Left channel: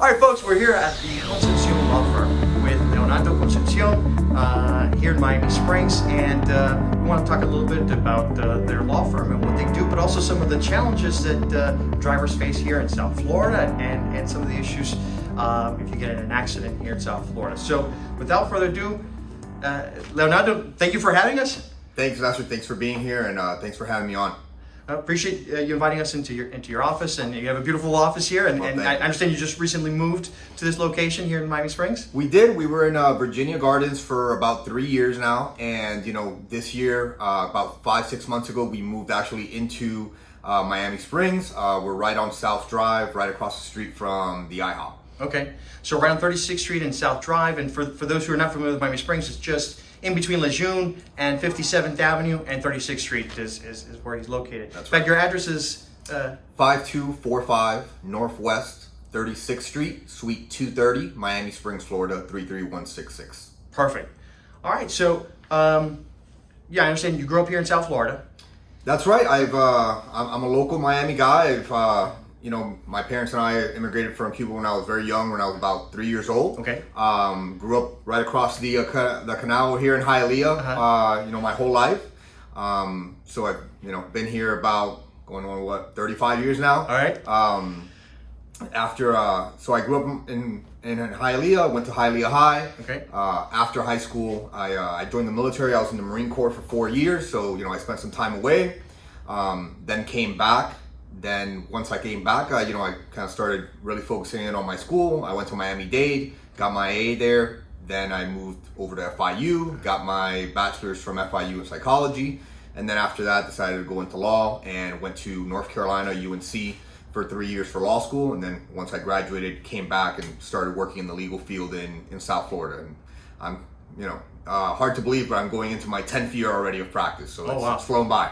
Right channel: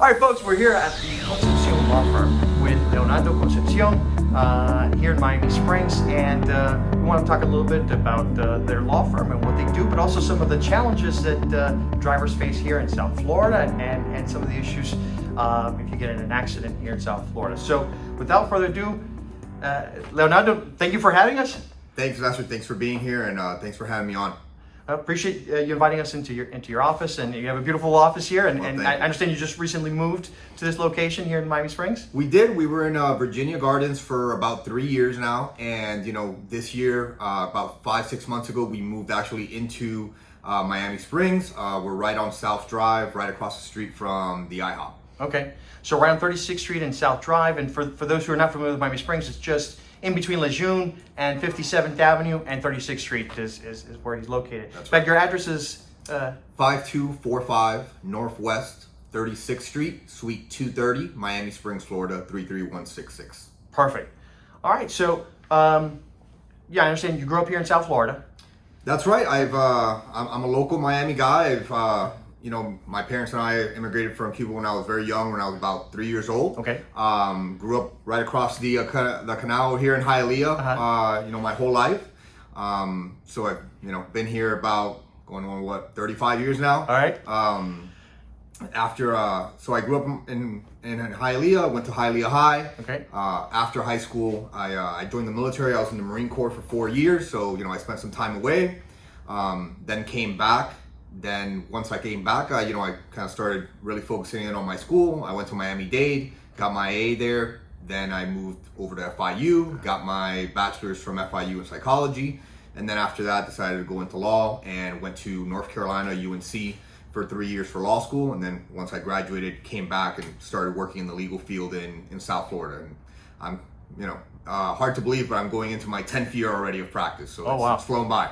All right, folks, we're here at the Concepcion Law Firm with Leonardo Concepcion here in Miami Springs, and we want to talk a little bit about their law firm and what they do, but also some of the challenges that drivers face here in South Florida and some of the issues if you get in an accident here in South Florida. So without further ado, Leonardo, thank you for having us. Thanks, Lester. Thanks for being here, and thanks for having me on. I appreciate you inviting us into your office, and you have a beautiful office here. And I understand you just recently moved to this location here in Miami Springs. We did. We were in Virginia Gardens for about 3 years now, and this year, about 5-6 months ago, we moved actually into Miami Springs. We're right on South Drive, right across the street from the IHOP. Okay, so right on 36th Street and South Drive, and for those who are not familiar with Miami Springs, it's just in between Lejeune and 57th Avenue and 36th Street is where he's located. That's right. In fact, your address is 5245 Northwest 36th Street, Suite 230, Miami Springs, Florida 33166. Perfect. All right, so I understand you grew up here in South Florida. That's right. I'm a local Miami guy. My parents and I immigrated from Cuba when I was very young, when I was about 3 years old. Okay. Grew up right across the canal here in Hialeah, my whole life. So I've, been here about going on 35 years now. All right. So I grew up in Hialeah, went to Hialeah High. Okay. After high school, I joined the military. I was in the Marine Corps for 4 years. So, I spent some time away, then came back. Then once I came back, I kind of started really focusing in on my school. I went to Miami-Dade, got my AA there. Then I moved over to FIU, got my bachelor's from FIU in psychology. And then after that, decided to go into law and went to North Carolina, UNC, for 3 years for law school. And then once I graduated, came back and started working in the legal field in South Florida. And I'm, hard to believe, but I'm going into my 10th year already of practice. So it's flown by.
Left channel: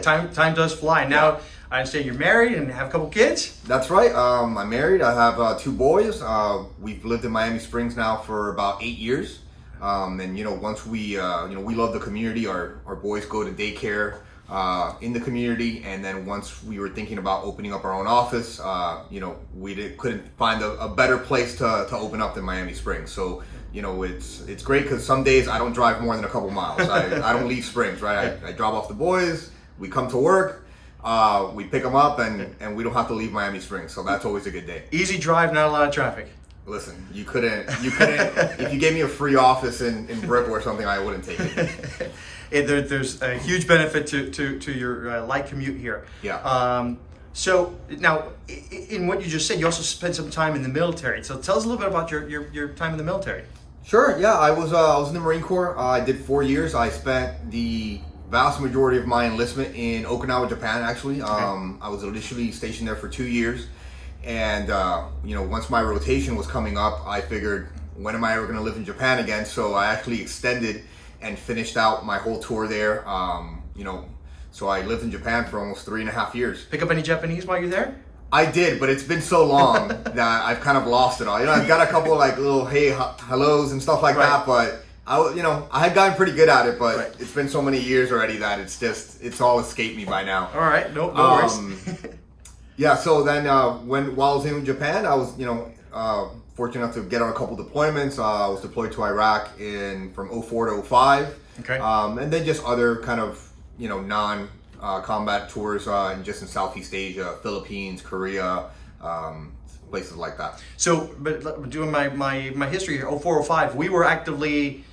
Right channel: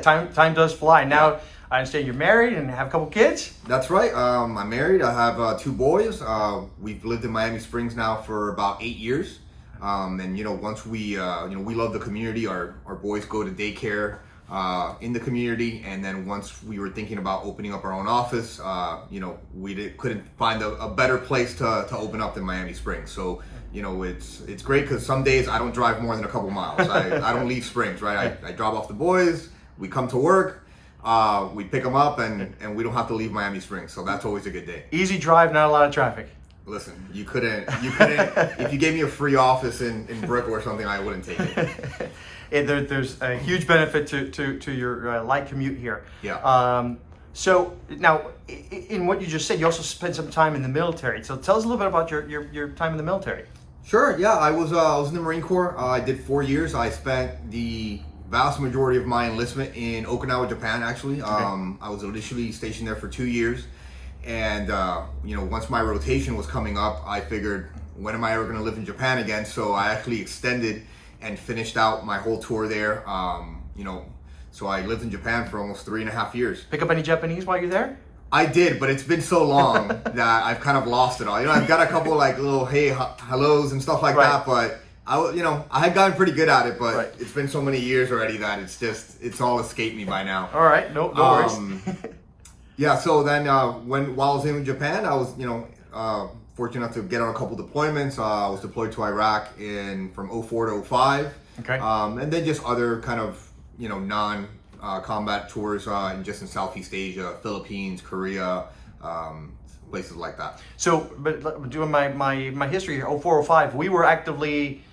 Time does fly. Now, I understand you're married and have a couple kids. That's right. I'm married. I have 2 boys. We've lived in Miami Springs now for about 8 years. And once we love the community. Our boys go to daycare in the community. And then once we were thinking about opening up our own office, we couldn't find a better place to open up than Miami Springs. So it's great because some days I don't drive more than a couple miles. I don't leave Springs, right? I drop off the boys. We come to work. We pick them up and we don't have to leave Miami Springs, so that's always a good day. Easy drive, not a lot of traffic. Listen, you couldn't, if you gave me a free office in Brickell or something, I wouldn't take it. There's a huge benefit to your light commute here. Yeah. So now, in what you just said, you also spent some time in the military. So tell us a little bit about your time in the military. Sure, yeah, I was in the Marine Corps. I did 4 years. I spent the vast majority of my enlistment in Okinawa, Japan, actually. Okay. I was initially stationed there for 2 years. And, once my rotation was coming up, I figured, when am I ever going to live in Japan again? So I actually extended and finished out my whole tour there. So I lived in Japan for almost 3.5 years. Pick up any Japanese while you're there? I did, but it's been so long that I've kind of lost it all. I've got a couple little hey, hellos and stuff like that, but I had gotten pretty good at it, but It's been so many years already that it's all escaped me by now. All right, no worries. Yeah, so then while I was in Japan, I was fortunate enough to get on a couple deployments. I was deployed to Iraq from 04 to 05. Okay. And then just other kind of non-combat tours in Southeast Asia, Philippines, Korea. Places like that. So, but doing my history here, 04, 05, we were actively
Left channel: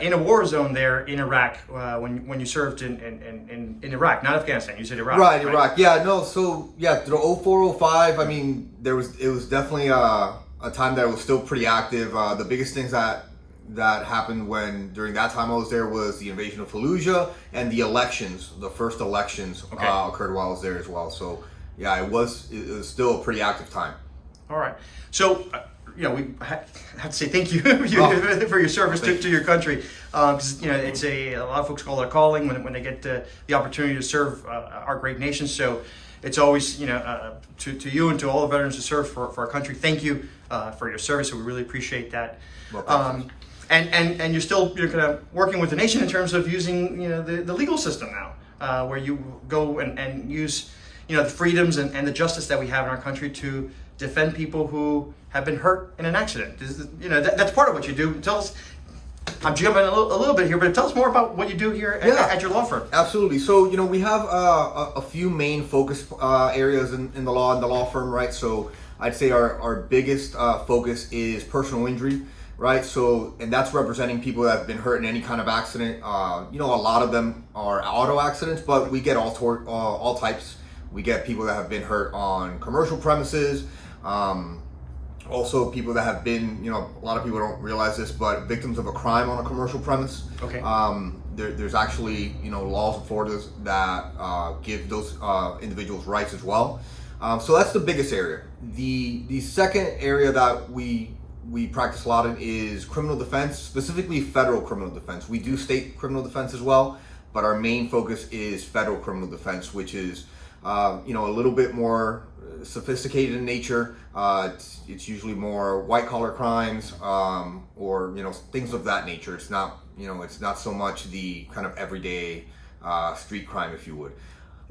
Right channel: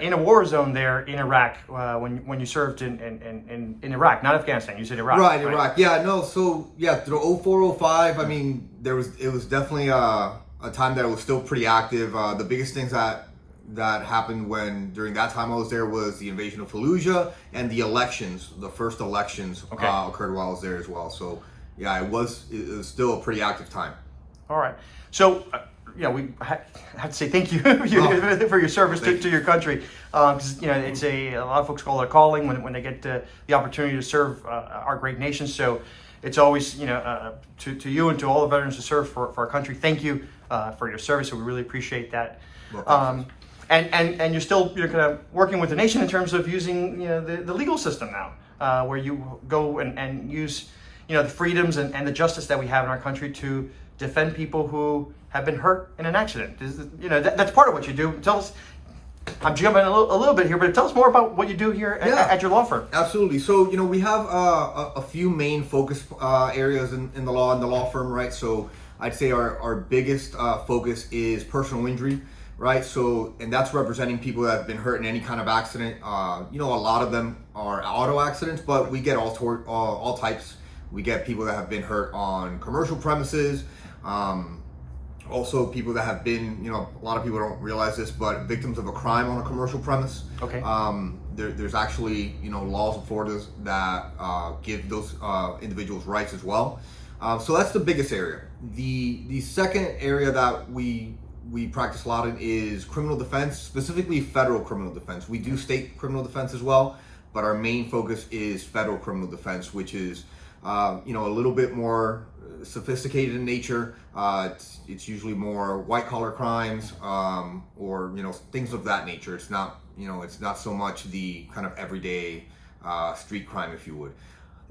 in a war zone there in Iraq when you served in Iraq, not Afghanistan. You said Iraq. Right, Iraq. Yeah, no. So through 04, 05, I mean, it was definitely a time that was still pretty active. The biggest things that happened during that time I was there was the invasion of Fallujah and the first elections occurred while I was there as well. So yeah, it was still a pretty active time. All right. So, we have to say thank you for your service to your country. Because, it's a lot of folks call it a calling when they get the opportunity to serve our great nation. So it's always, to you and to all the veterans who serve for our country, thank you for your service. So we really appreciate that. Well, and you're still kind of working with the nation in terms of using, the legal system now, where you go and use, the freedoms and the justice that we have in our country to defend people who have been hurt in an accident. That's part of what you do. Tell us. I'm jumping a little bit here, but tell us more about what you do here at your law firm. Absolutely. So, we have a few main focus areas in the law firm, right? So I'd say our biggest focus is personal injury, right? So, and that's representing people that have been hurt in any kind of accident. A lot of them are auto accidents, but we get all types. We get people that have been hurt on commercial premises. Also, people that have been, a lot of people don't realize this, but victims of a crime on a commercial premise. Okay. There's actually, laws in Florida that give those individuals rights as well. So that's the biggest area. The second area that we practice a lot in is criminal defense, specifically federal criminal defense. We do state criminal defense as well, but our main focus is federal criminal defense, which is a little bit more sophisticated in nature. It's usually more white collar crimes, or things of that nature. It's not it's not so much the kind of everyday street crime, if you would.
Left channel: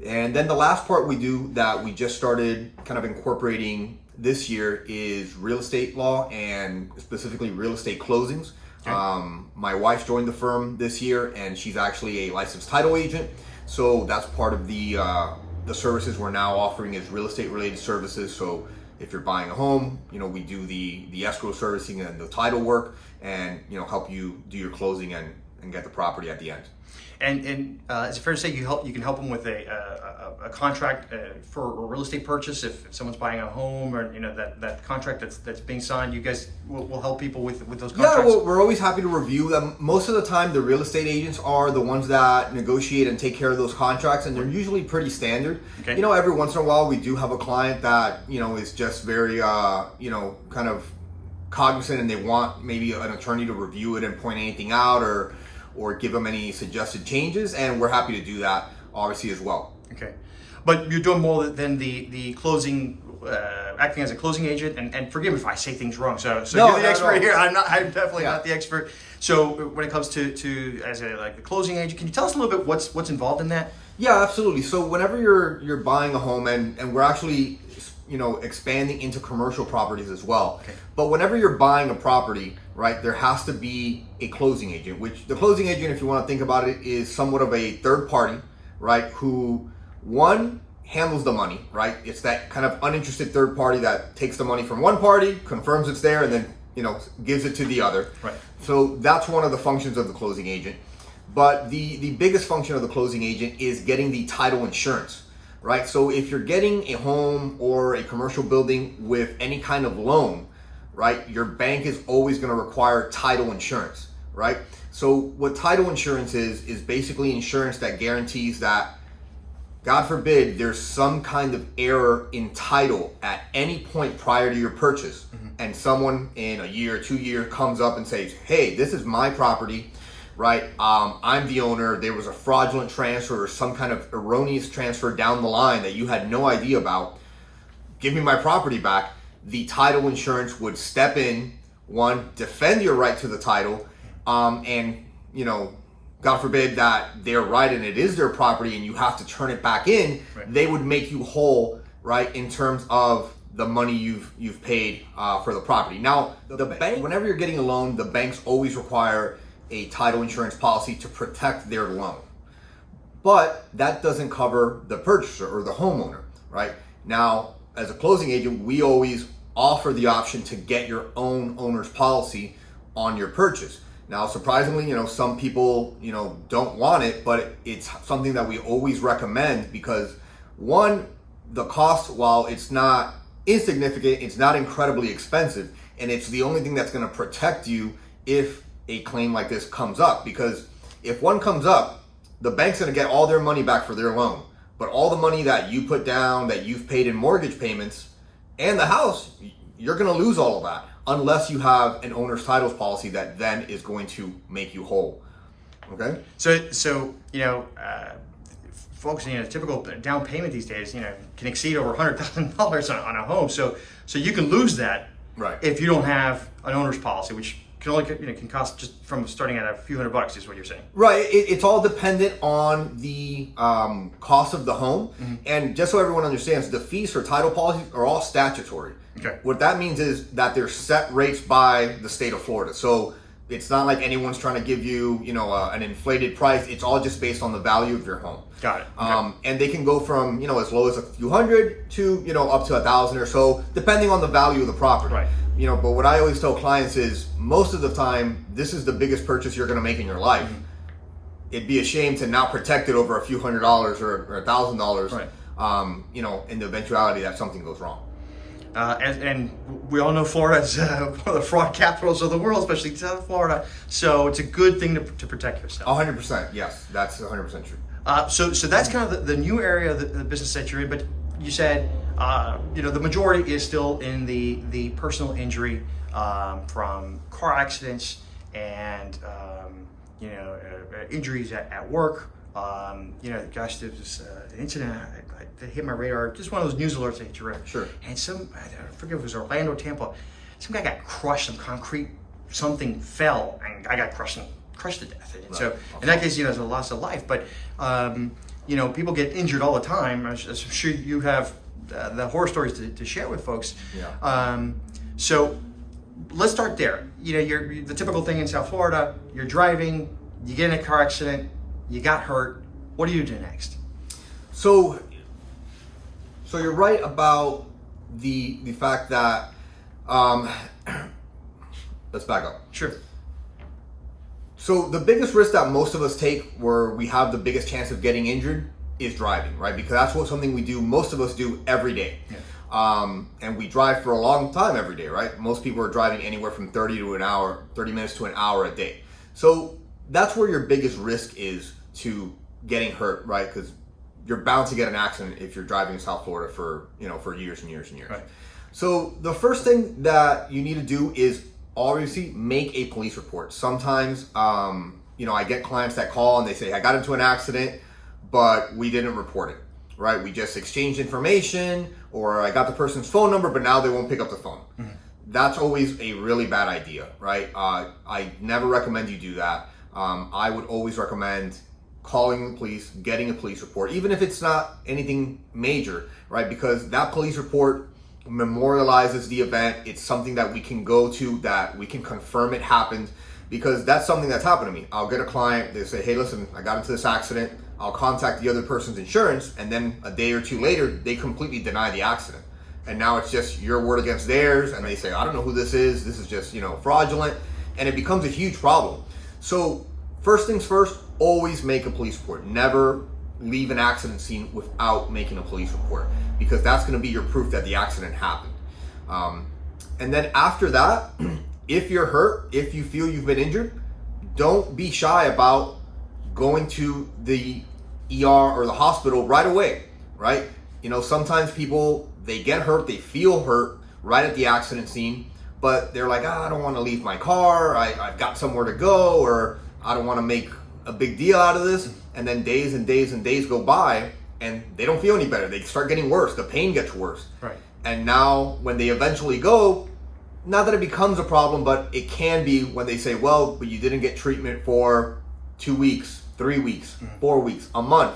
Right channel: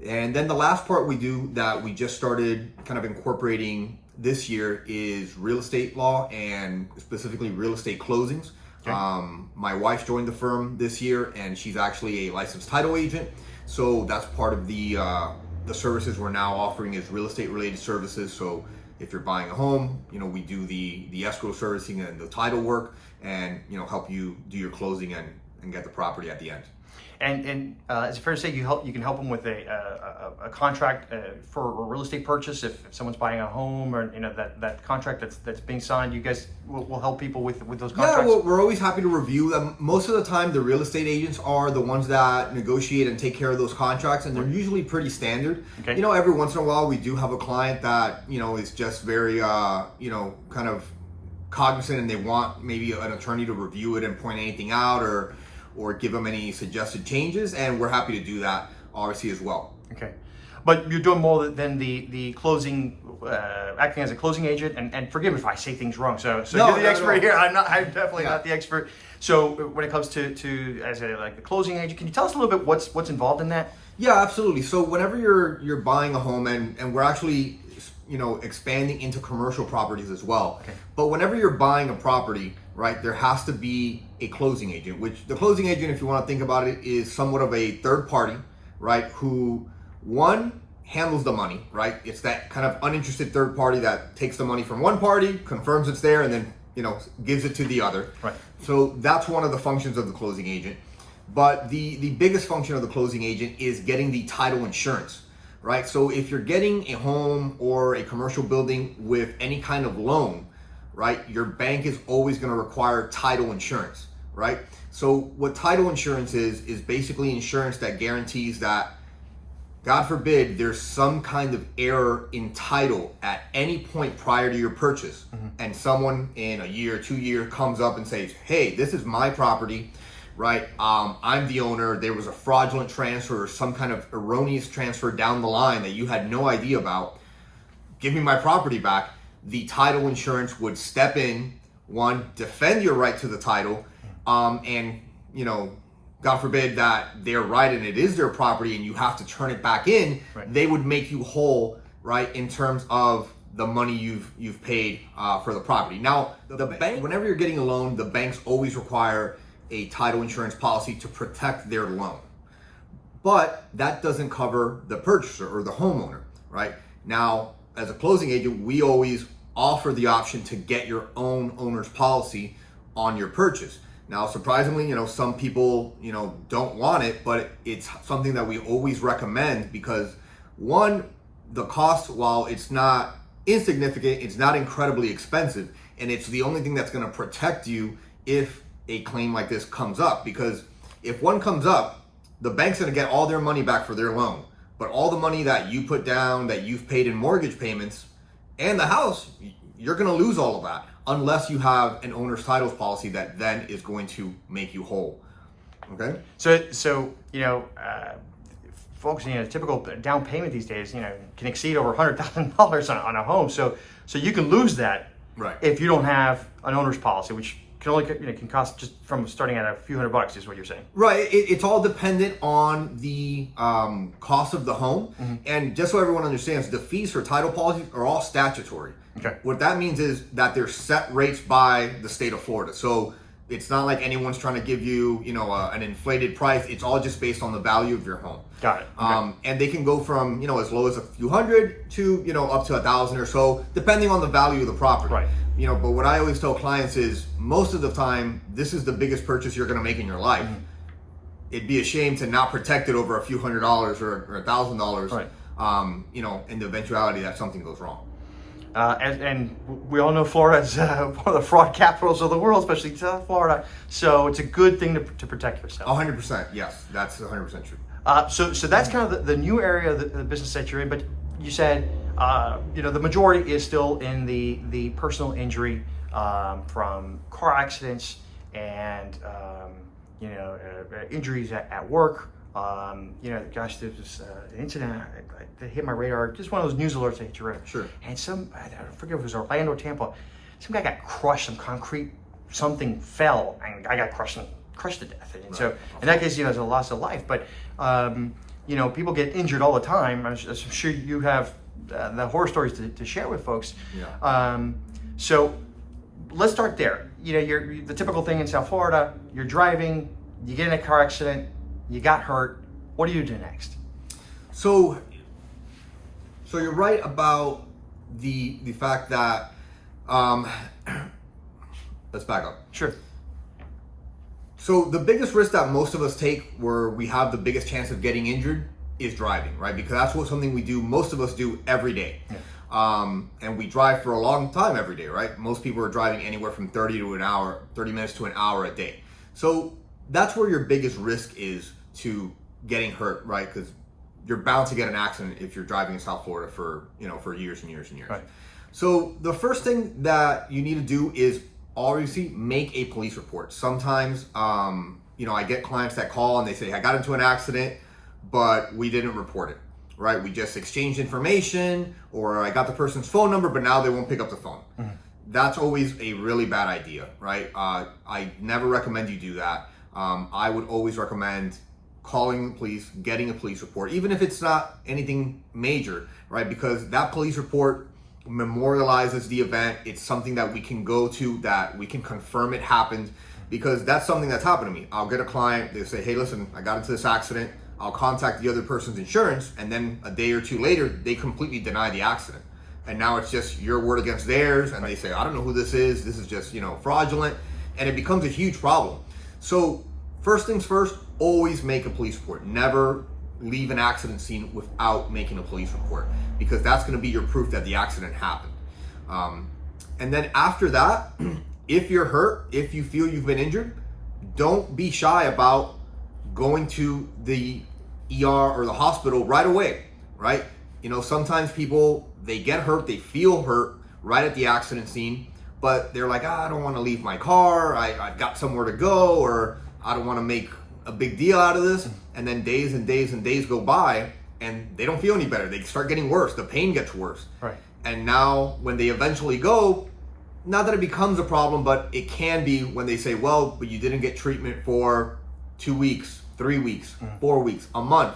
And then the last part we do that we just started kind of incorporating this year is real estate law, and specifically real estate closings. Okay. My wife joined the firm this year, and she's actually a licensed title agent. So that's part of the services we're now offering is real estate related services. So if you're buying a home, we do the escrow servicing and the title work, and help you do your closing and get the property at the end. And is it fair to say you can help them with a contract for a real estate purchase if someone's buying a home, or that contract that's being signed? You guys will help people with those contracts? Yeah, well, we're always happy to review them. Most of the time, the real estate agents are the ones that negotiate and take care of those contracts, and they're usually pretty standard. Okay. Every once in a while, we do have a client that is just very kind of cognizant, and they want maybe an attorney to review it and point anything out, or give them any suggested changes, and we're happy to do that obviously as well. Okay, but you're doing more than the closing, acting as a closing agent, and forgive me if I say things wrong. So no, you're the expert here. I'm definitely not the expert. So when it comes to as the closing agent, can you tell us a little bit what's involved in that? Yeah, absolutely. So whenever you're buying a home, and we're actually expanding into commercial properties as well. Okay. But whenever you're buying a property, right, there has to be a closing agent, which the closing agent, if you want to think about it, is somewhat of a third party, right, who one handles the money, right? It's that kind of uninterested third party that takes the money from one party, confirms it's there, and then gives it to the other. Right. So that's one of the functions of the closing agent. But the biggest function of the closing agent is getting the title insurance. Right, so if you're getting a home or a commercial building with any kind of loan, right, your bank is always going to require title insurance, right? So what title insurance is basically insurance that guarantees that, God forbid, there's some kind of error in title at any point prior to your purchase, and someone in a year, 2 years comes up and says, hey, this is my property, right? I'm the owner. There was a fraudulent transfer or some kind of erroneous transfer down the line that you had no idea about. Give me my property back. The title insurance would step in, one, defend your right to the title, and God forbid that they're right and it is their property and you have to turn it back in. Right. They would make you whole, right, in terms of the money you've paid for the property. Now, the bank, whenever you're getting a loan, the banks always require a title insurance policy to protect their loan. But that doesn't cover the purchaser or the homeowner, right? Now, as a closing agent, we always offer the option to get your own owner's policy on your purchase. Now, surprisingly, some people, don't want it, but it's something that we always recommend because, one, the cost, while it's not insignificant, it's not incredibly expensive, and it's the only thing that's going to protect you if a claim like this comes up. Because if one comes up, the bank's going to get all their money back for their loan, but all the money that you put down, that you've paid in mortgage payments, and the house, you're going to lose all of that unless you have an owner's titles policy that then is going to make you whole. Okay? So folks, typical down payment these days, can exceed over $100,000 on a home. So you can lose that, right, if you don't have an owner's policy, which can only can cost just from starting at a few $100 is what you're saying. Right. It's all dependent on the cost of the home. Mm-hmm. And just so everyone understands, the fees for title policies are all statutory. Okay. What that means is that they're set rates by the state of Florida. So it's not like anyone's trying to give you, an inflated price. It's all just based on the value of your home. Got it. Okay. And they can go from, as low as a few hundred to, up to 1,000 or so, depending on the value of the property. Right. But what I always tell clients is most of the time, this is the biggest purchase you're going to make in your life. Mm-hmm. It'd be a shame to not protect it over a few $100s or $1,000, right. In the eventuality that something goes wrong. And we all know Florida is one of the fraud capitals of the world, especially South Florida. So it's a good thing to protect yourself. 100%, yes, that's 100% true. So that's kind of the new area of the business that you're in. But you said, the majority is still in the personal injury from car accidents and injuries at work. Gosh, there was an incident that hit my radar, just one of those news alerts that hit your radar. Sure. And I forget if it was Orlando, Tampa, some guy got crushed, some concrete, something fell, and the guy got crushed to death. And so in that case, it's a loss of life. But, people get injured all the time. I'm sure you have the horror stories to share with folks. Yeah. So let's start there. You're the typical thing in South Florida, you're driving, you get in a car accident, you got hurt. What do you do next? So you're right about the fact that let's back up. Sure. So the biggest risk that most of us take where we have the biggest chance of getting injured is driving, right? Because that's something we do, most of us do every day. Yeah. And we drive for a long time every day, right? Most people are driving anywhere from 30 minutes to an hour a day. So that's where your biggest risk is to getting hurt, right? Because you're bound to get an accident if you're driving in South Florida for years and years and years. Right. So the first thing that you need to do is obviously make a police report. Sometimes, I get clients that call and they say, I got into an accident, but we didn't report it, right? We just exchanged information, or I got the person's phone number, but now they won't pick up the phone. Mm-hmm. That's always a really bad idea, right? I never recommend you do that. I would always recommend calling the police, getting a police report, even if it's not anything major, right? Because that police report memorializes the event. It's something that we can go to, that we can confirm it happened, because that's something that's happened to me. I'll get a client, they say, hey, listen, I got into this accident. I'll contact the other person's insurance, and then a day or two later, they completely deny the accident. And now it's just your word against theirs, and they say, I don't know who this is just, fraudulent, and it becomes a huge problem. So first things first, always make a police report. Never leave an accident scene without making a police report, because that's going to be your proof that the accident happened. And then after that, if you're hurt, if you feel you've been injured, don't be shy about going to the ER or the hospital right away, right? Sometimes people, they get hurt, they feel hurt right at the accident scene, but they're like, I don't want to leave my car, I've got somewhere to go, or I don't want to make a big deal out of this. And then days and days and days go by and they don't feel any better. They start getting worse. The pain gets worse. Right. And now when they eventually go, not that it becomes a problem, but it can be when they say, well, but you didn't get treatment for 2 weeks, 3 weeks, 4 weeks, a month,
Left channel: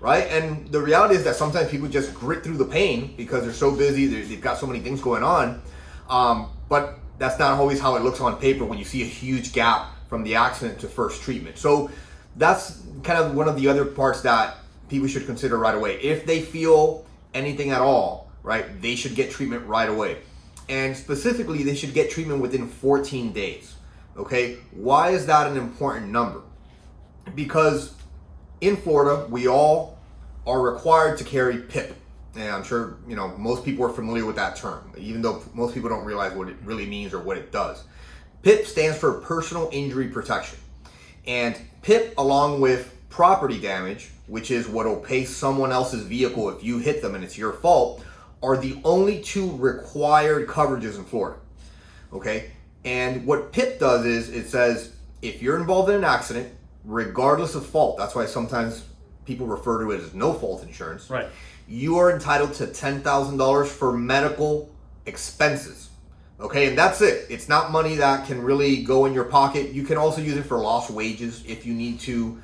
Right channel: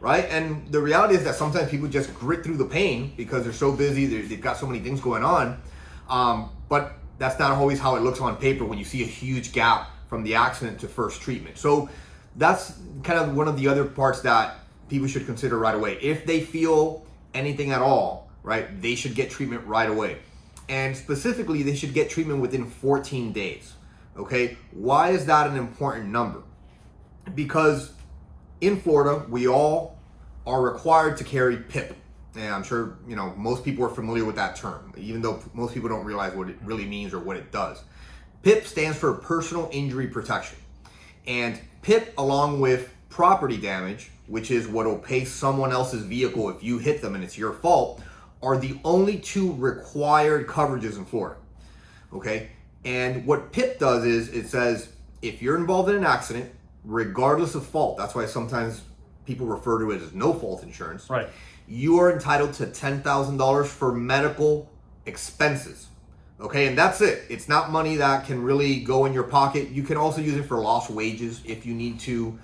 right? And the reality is that sometimes people just grit through the pain because they're so busy, they've got so many things going on. But that's not always how it looks on paper when you see a huge gap from the accident to first treatment. So that's kind of one of the other parts that people should consider right away. If they feel anything at all, right, they should get treatment right away. And specifically, they should get treatment within 14 days, okay? Why is that an important number? Because in Florida, we all are required to carry PIP. And I'm sure, most people are familiar with that term, even though most people don't realize what it really means or what it does. PIP stands for Personal Injury Protection. And PIP, along with property damage, which is what will pay someone else's vehicle if you hit them and it's your fault, are the only two required coverages in Florida, okay? And what PIP does is it says, if you're involved in an accident, regardless of fault, that's why sometimes people refer to it as no fault insurance, right? You are entitled to $10,000 for medical expenses, okay? And that's it. It's not money that can really go in your pocket. You can also use it for lost wages if you need to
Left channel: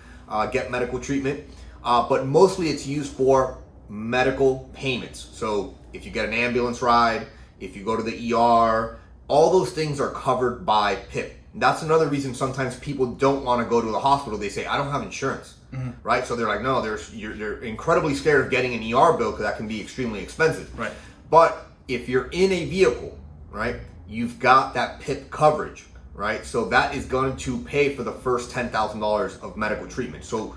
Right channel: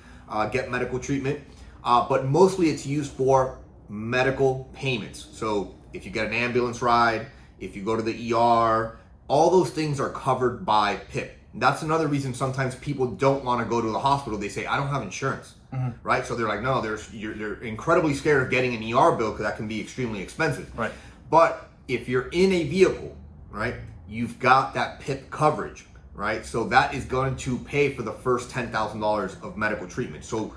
get medical treatment, but mostly it's used for medical payments. So if you get an ambulance ride, if you go to the ER, all those things are covered by PIP. That's another reason sometimes people don't want to go to the hospital. They say, I don't have insurance, right? So they're like, no, they're incredibly scared of getting an ER bill because that can be extremely expensive. Right. But if you're in a vehicle, right, you've got that PIP coverage, right? So that is going to pay for the first $10,000 of medical treatment. So,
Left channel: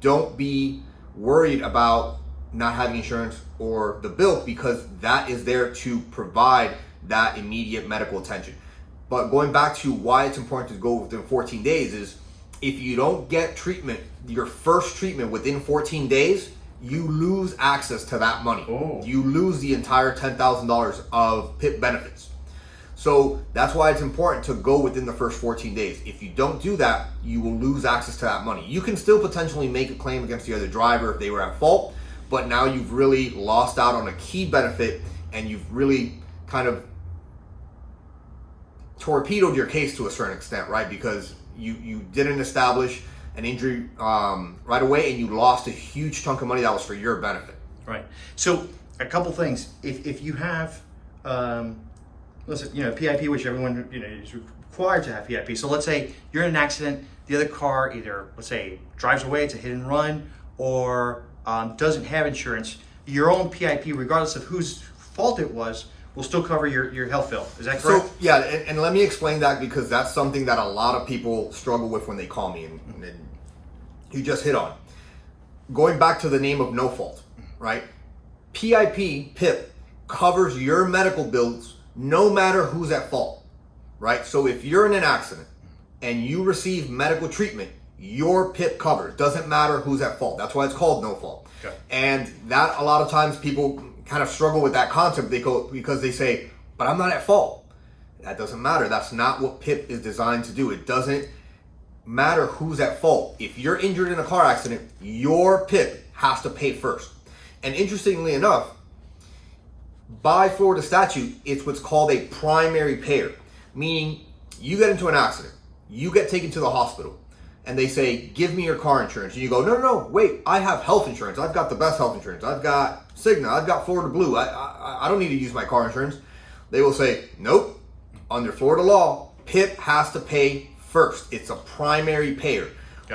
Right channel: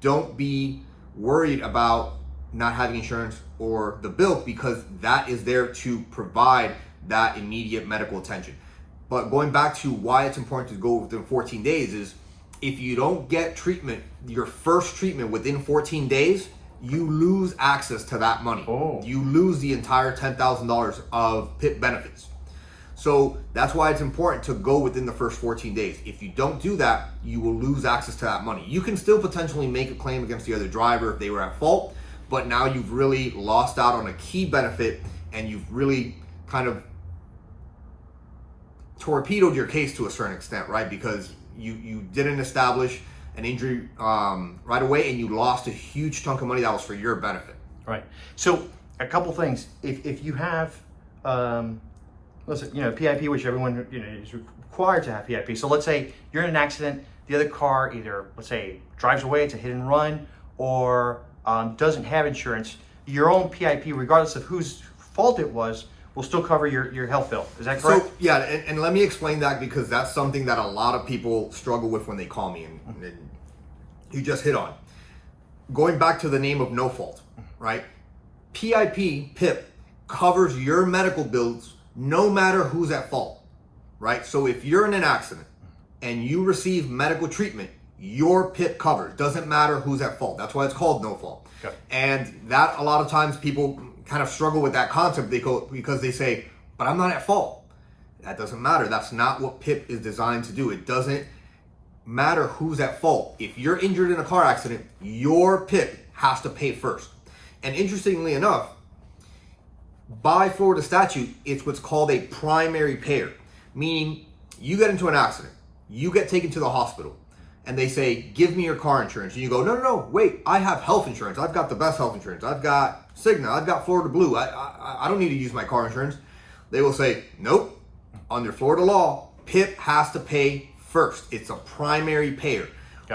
don't be worried about not having insurance or the bill, because that is there to provide that immediate medical attention. But going back to why it's important to go within 14 days is, if you don't get treatment, your first treatment within 14 days, you lose access to that money. Oh. You lose the entire $10,000 of PIP benefits. So that's why it's important to go within the first 14 days. If you don't do that, you will lose access to that money. You can still potentially make a claim against the other driver if they were at fault, but now you've really lost out on a key benefit, and you've really kind of torpedoed your case to a certain extent, right? Because you didn't establish an injury right away, and you lost a huge chunk of money that was for your benefit. Right. So a couple things. If you have, PIP, which everyone is required to have PIP. So let's say you're in an accident, the other car either, let's say, drives away, it's a hit and run, or doesn't have insurance. Your own PIP, regardless of whose fault it was, will still cover your health bill. Is that correct? So yeah, and let me explain that, because that's something that a lot of people struggle with when they call me, and you just hit on. Going back to the name of no fault, right? PIP covers your medical bills no matter who's at fault, right? So if you're in an accident and you receive medical treatment, your PIP covers. Doesn't matter who's at fault. That's why it's called no fault. Okay. And that, a lot of times people kind of struggle with that concept. They go, because they say, but I'm not at fault. That doesn't matter. That's not what PIP is designed to do. It doesn't matter who's at fault. If you're injured in a car accident, your PIP has to pay first. And interestingly enough, by Florida statute, it's what's called a primary payer, meaning you get into an accident, you get taken to the hospital, and they say, give me your car insurance. And you go, no, wait, I have health insurance. I've got the best health insurance. I've got Cigna. I've got Florida Blue. I don't need to use my car insurance. They will say, nope, under Florida law, PIP has to pay first. It's a primary payer.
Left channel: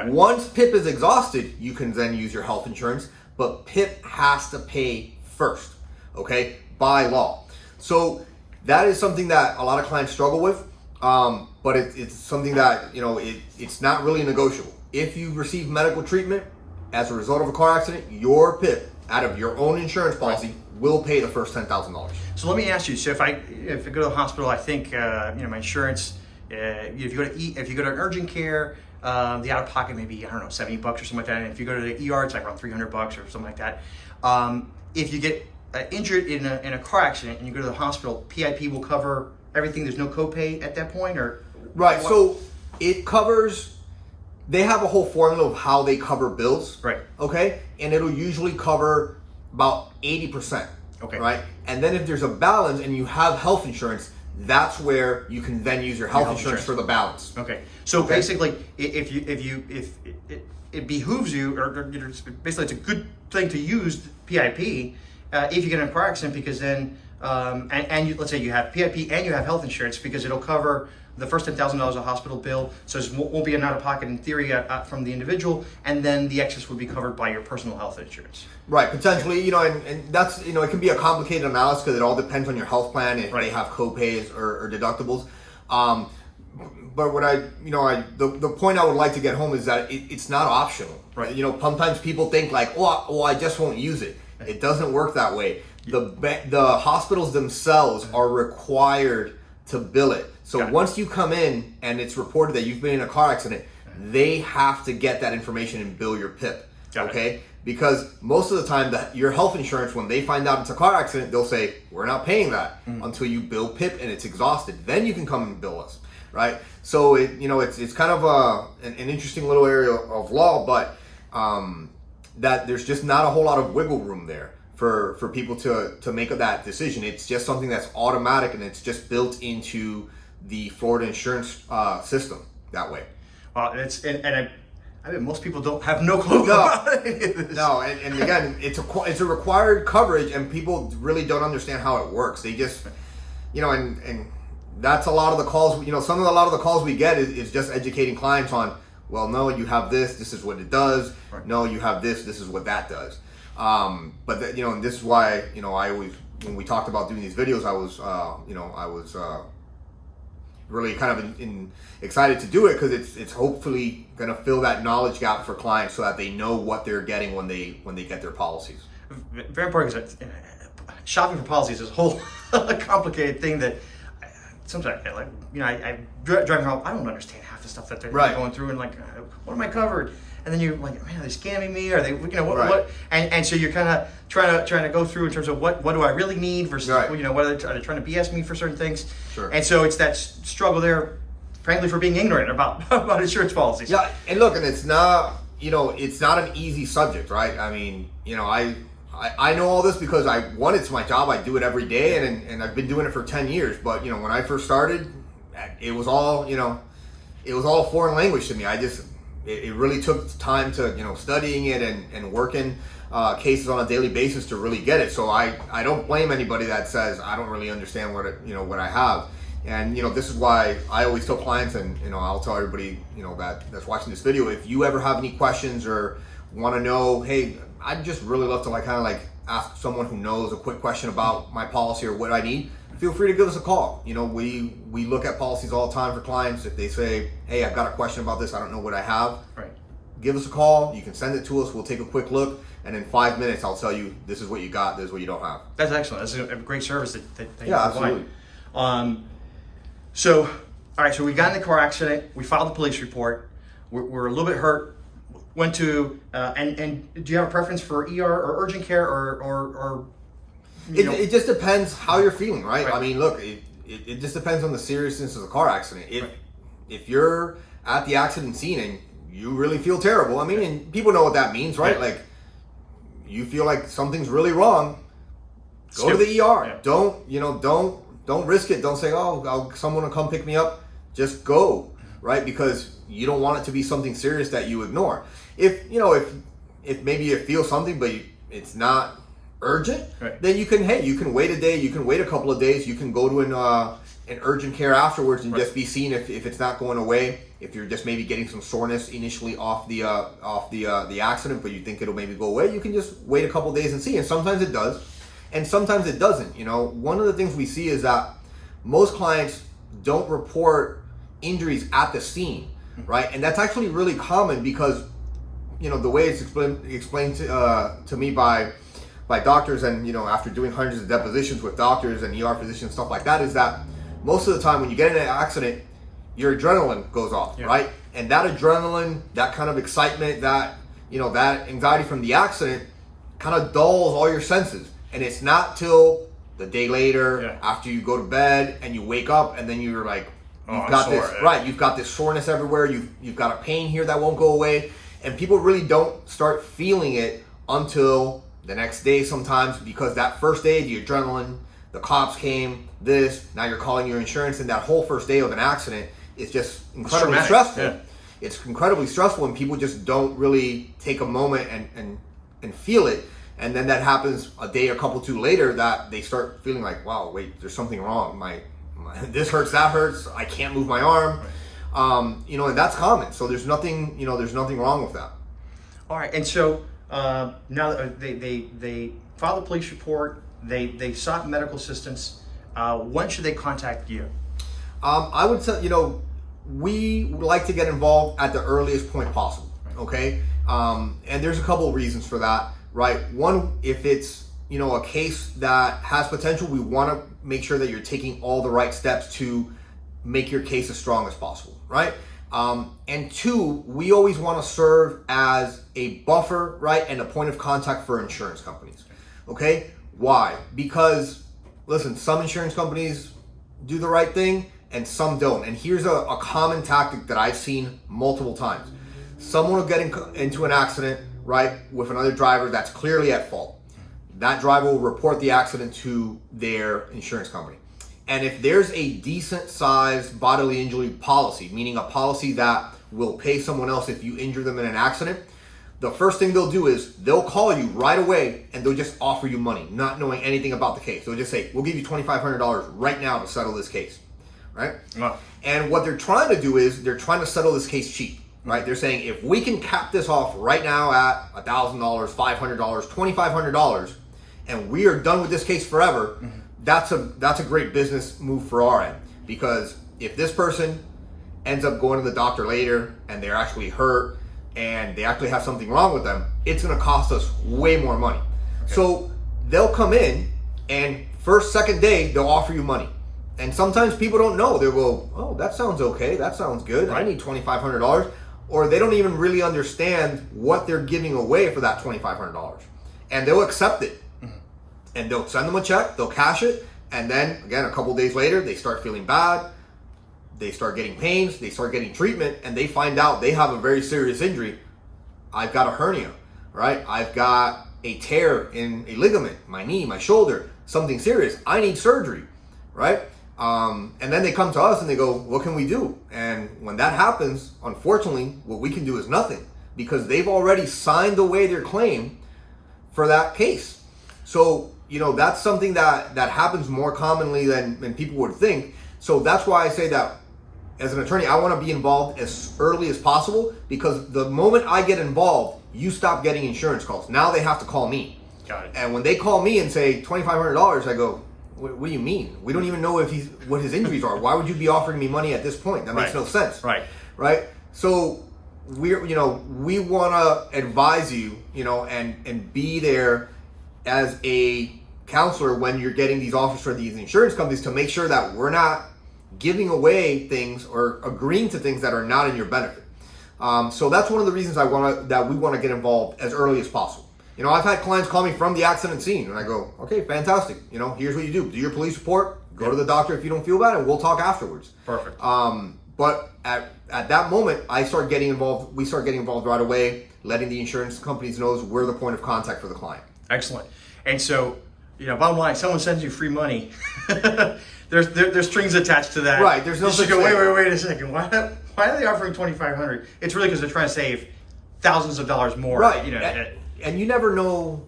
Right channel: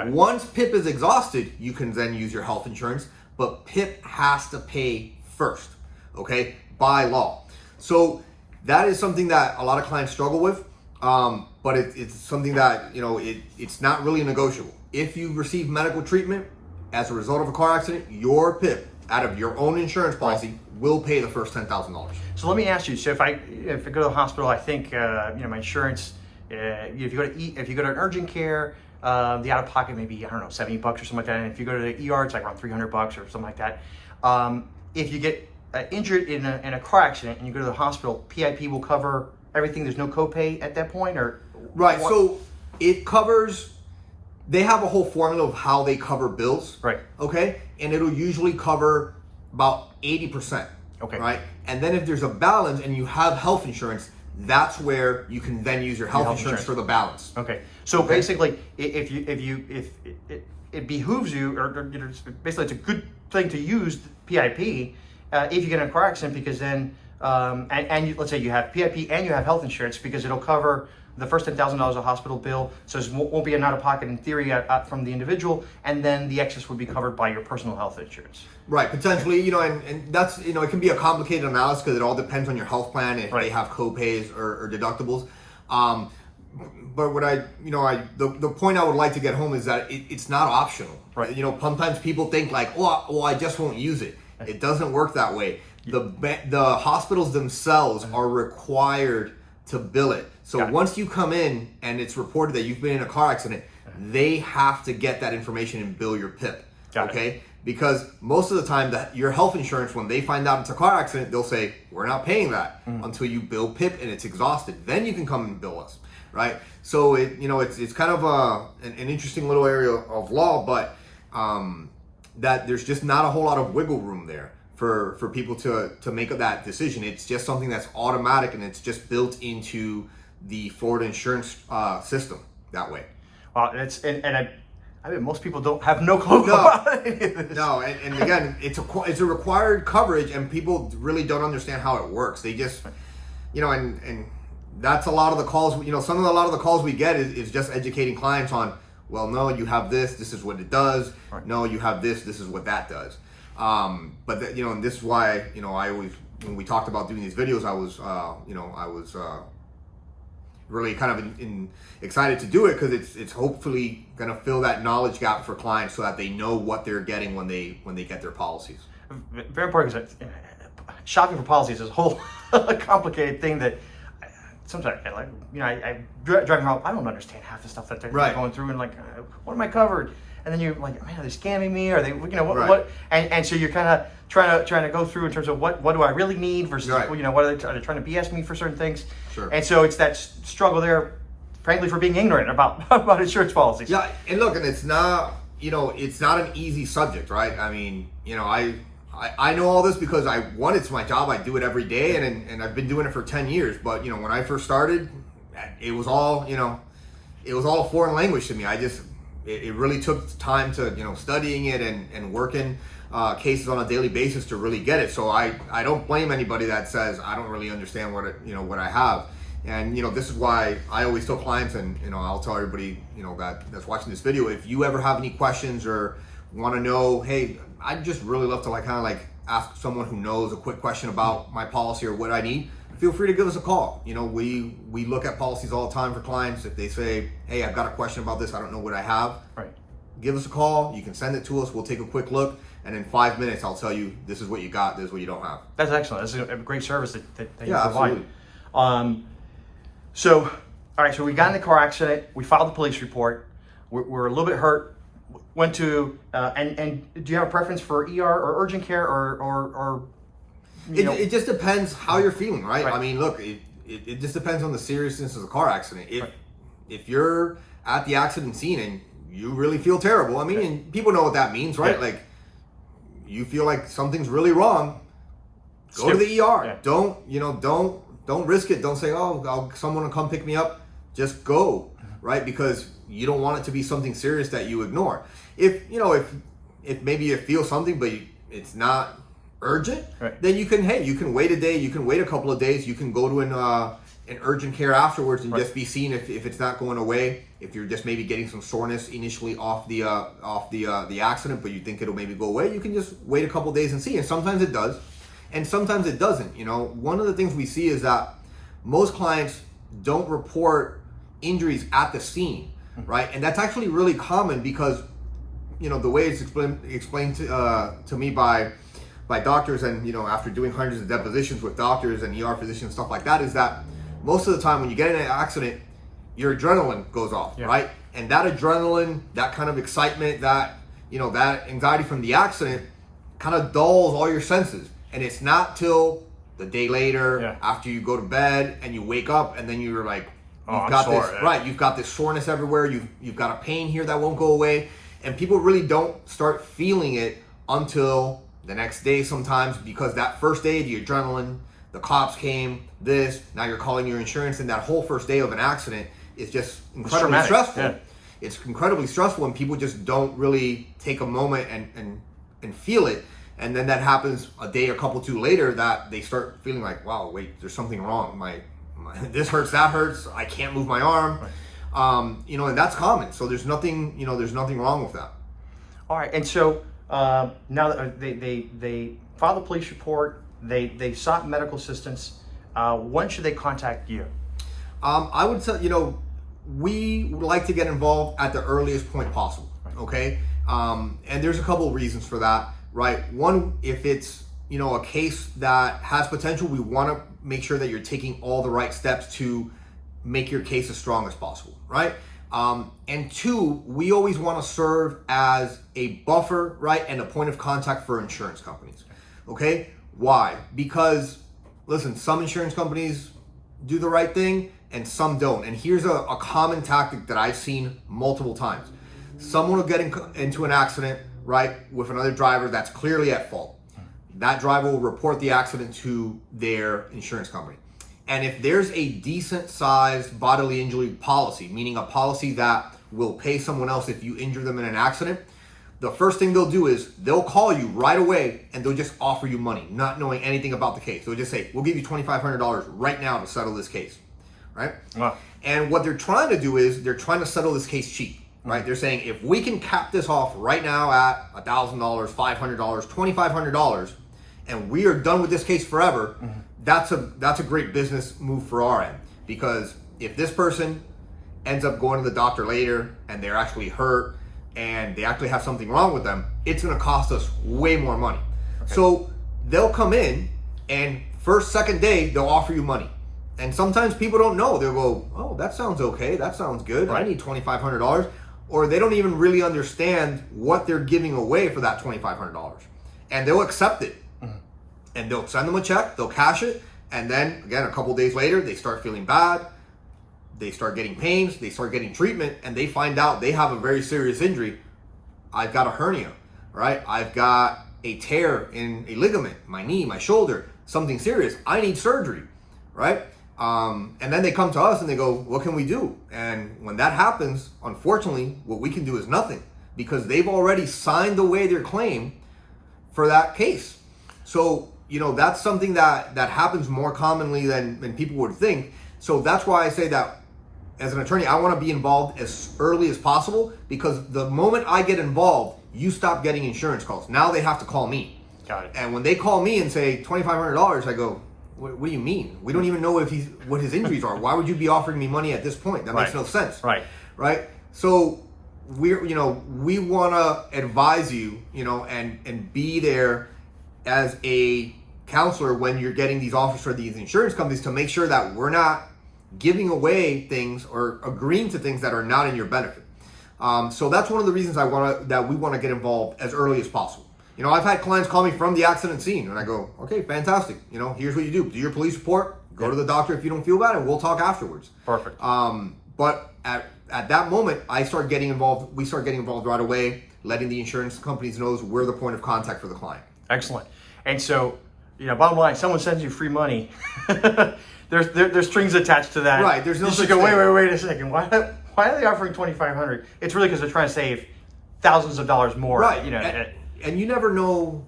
Once PIP is exhausted, you can then use your health insurance, but PIP has to pay first, okay, by law. So that is something that a lot of clients struggle with. But it's something that, it's not really negotiable. If you receive medical treatment as a result of a car accident, your PIP out of your own insurance policy will pay the first $10,000. So let me ask you. So if I go to the hospital, I think my insurance. If you go to an urgent care, the out of pocket maybe, I don't know, $70 or something like that. And if you go to the ER, it's like around $300 or something like that. If you get injured in a car accident and you go to the hospital, PIP will cover everything. There's no copay at that point, or right. What? So it covers. They have a whole formula of how they cover bills. Right. Okay. And it'll usually cover about 80%. Okay. Right. And then if there's a balance and you have health insurance, that's where you can then use your health insurance for the balance. Okay. So basically, if it behooves you, or basically it's a good thing to use PIP if you get in a car accident, because then let's say you have PIP and you have health insurance, because it'll cover the first $10,000 of hospital bill, so it won't be an out-of-pocket in theory from the individual, and then the excess would be covered by your personal health insurance. Right, potentially, and that's, it can be a complicated analysis because it all depends on your health plan, if they have co-pays or deductibles. But what the point I would like to get home is that it's not optional. Right. Sometimes people think like, oh, I just won't use it. It doesn't work that way. The hospitals themselves are required to bill it. So once you come in and it's reported that you've been in a car accident, they have to get that information and bill your PIP. Okay? Because most of the time, your health insurance, when they find out it's a car accident, they'll say, we're not paying that until you bill PIP and it's exhausted. Then you can come and bill us, right? So it's kind of an interesting little area of law, but that there's just not a whole lot of wiggle room there for people to make that decision. It's just something that's automatic, and it's just built into the Florida insurance system that way. Well, I mean, most people don't have no clue about any of this. No, and again, it's a required coverage, and people really don't understand how it works. They just, and that's a lot of the calls. A lot of the calls we get is just educating clients on. Well, no, you have this. This is what it does. Right. No, you have this. This is what that does. But and this is why I always, when we talked about doing these videos, I was really kind of excited to do it because it's hopefully going to fill that knowledge gap for clients so that they know what they're getting when they get their policies. Very important because shopping for policies is a whole complicated thing that sometimes I driving home, I don't understand half the stuff that they're going through and what am I covered? And then you're like, man, are they scamming me? Are they, what? And so you're kind of trying to go through in terms of what do I really need versus, what are they trying to BS me for certain things? Sure. And so it's that struggle there, frankly, for being ignorant about insurance policies. Yeah, and look, and it's not, it's not an easy subject, right? I mean, I know all this because it's my job. I do it every day, and I've been doing it for 10 years. But when I first started, it was all a foreign language to me. It really took time to studying it and working cases on a daily basis to really get it. So I don't blame anybody that says I don't really understand what I have. And this is why I always tell clients, and I'll tell everybody that's watching this video, if you ever have any questions or want to know, hey, I'd just really love to ask someone who knows a quick question about my policy or what I need, feel free to give us a call. We look at policies all the time for clients. If they say, hey, I've got a question about this, I don't know what I have, right, give us a call. You can send it to us. We'll take a quick look, and in 5 minutes I'll tell you this is what you got, this is what you don't have. That's excellent. That's a great service that you provide. Absolutely. So all right, so we got in the car accident, we filed the police report, we're a little bit hurt, went to and do you have a preference for ER or urgent care or it just depends how you're feeling, right? I mean, look, it just depends on the seriousness of the car accident. If you're at the accident scene and you really feel terrible, I mean, and people know what that means, right? Like, you feel like something's really wrong, go to the ER. Yeah. Don't risk it. Don't say, someone will come pick me up. Just go, right? Because you don't want it to be something serious that you ignore. If maybe you feel something but it's not urgent, then you can wait a day, you can wait a couple of days, you can go to an urgent care afterwards and just be seen if it's not going away. If you're just maybe getting some soreness initially off the accident, but you think it'll maybe go away, you can just wait a couple of days and see. And sometimes it does, and sometimes it doesn't. One of the things we see is that most clients don't report injuries at the scene, right? And that's actually really common because the way it's explained to me by doctors, and after doing hundreds of depositions with doctors and ER physicians, stuff like that, is that most of the time when you get in an accident, your adrenaline goes off, right? And that adrenaline, that kind of excitement, that that anxiety from the accident kind of dulls all your senses. And it's not till the day later, after you go to bed and you wake up, and then you're like, you've got this soreness everywhere, you've got a pain here that won't go away, and people really don't start feeling it until the next day sometimes, because that first day, the adrenaline, the cops came, now you're calling your insurance, and that whole first day of an accident is just incredibly stressful. Yeah. It's incredibly stressful, and people just don't really take a moment and feel it. And then that happens a day or couple two later, that they start feeling like, wow, wait, there's something wrong. My this hurts, that hurts, I can't move my arm. Right. And that's common. So there's nothing wrong with that. All right, and so now they filed a police report, they sought medical assistance. When should they contact you? I would say, we would like to get involved at the earliest point possible. Right. Okay. And there's a couple of reasons for that, right? One, if it's, a case that has potential, we want to make sure that you're taking all the right steps to make your case as strong as possible, right? And two, we always want to serve as a buffer, right? And a point of contact for insurance companies. Okay. Why? Because listen, some insurance companies do the right thing and some don't. And here's a common tactic that I've seen multiple times. Someone will get into an accident, right, with another driver that's clearly at fault. That driver will report the accident to their insurance company. And if there's a decent sized bodily injury policy, meaning a policy that will pay someone else if you injure them in an accident, the first thing they'll do is they'll call you right away and they'll just offer you money, not knowing anything about the case. They'll just say, we'll give you $2,500 right now to settle this case, right? Wow. And what they're trying to do is they're trying to settle this case cheap, right? They're saying, if we can cap this off right now at $1,000, $500, $2,500, and we are done with this case forever, that's a great business move for our end. Because if this person ends up going to the doctor later and they're actually hurt and they actually have something wrong with them, it's going to cost us way more money. Okay. So they'll come in and first, second day, they'll offer you money. And sometimes people don't know. They'll go, oh, that sounds okay. That sounds good. Right. I need $2,500. Or they don't even really understand what they're giving away for that $2,500. And they'll accept it. And they'll send them a check, they'll cash it. And then again, a couple days later, they start feeling bad. They start getting pains, they start getting treatment, and they find out they have a very serious injury. I've got a hernia, right? I've got a tear in a ligament, my knee, my shoulder, something serious. I need surgery, right? And then they come to us and they go, what can we do? And when that happens, unfortunately, what we can do is nothing, because they've already signed away their claim for that case. So, that's something that happens more commonly than people would think. So that's why I say that as an attorney, I want to be involved as early as possible, because the moment I get involved, you stop getting insurance calls. Now they have to call me. Got it. And when they call me and say $2,500, I go, what do you mean? We don't even know what his injuries are. Why would you be offering me money at this point? That makes no sense. Right. So we want to advise you, and be there as a counselor when you're getting these offers for these insurance companies, to make sure that we're not giving away things or agreeing to things that are not in your benefit. So that's one of the reasons that we want to get involved as early as possible. I've had clients call me from the accident scene, and I go, okay, fantastic. Here's what you do. Do your police report, go to the doctor if you don't feel bad, and we'll talk afterwards. Perfect. But at that moment, we start getting involved right away, letting the insurance companies know we're the point of contact for the client. Excellent. And so, bottom line, someone sends you free money. There's strings attached to that. Right. There's no such thing. Wait a second. Why are they offering $2,500? It's really because they're trying to save thousands of dollars more. Right. And you never know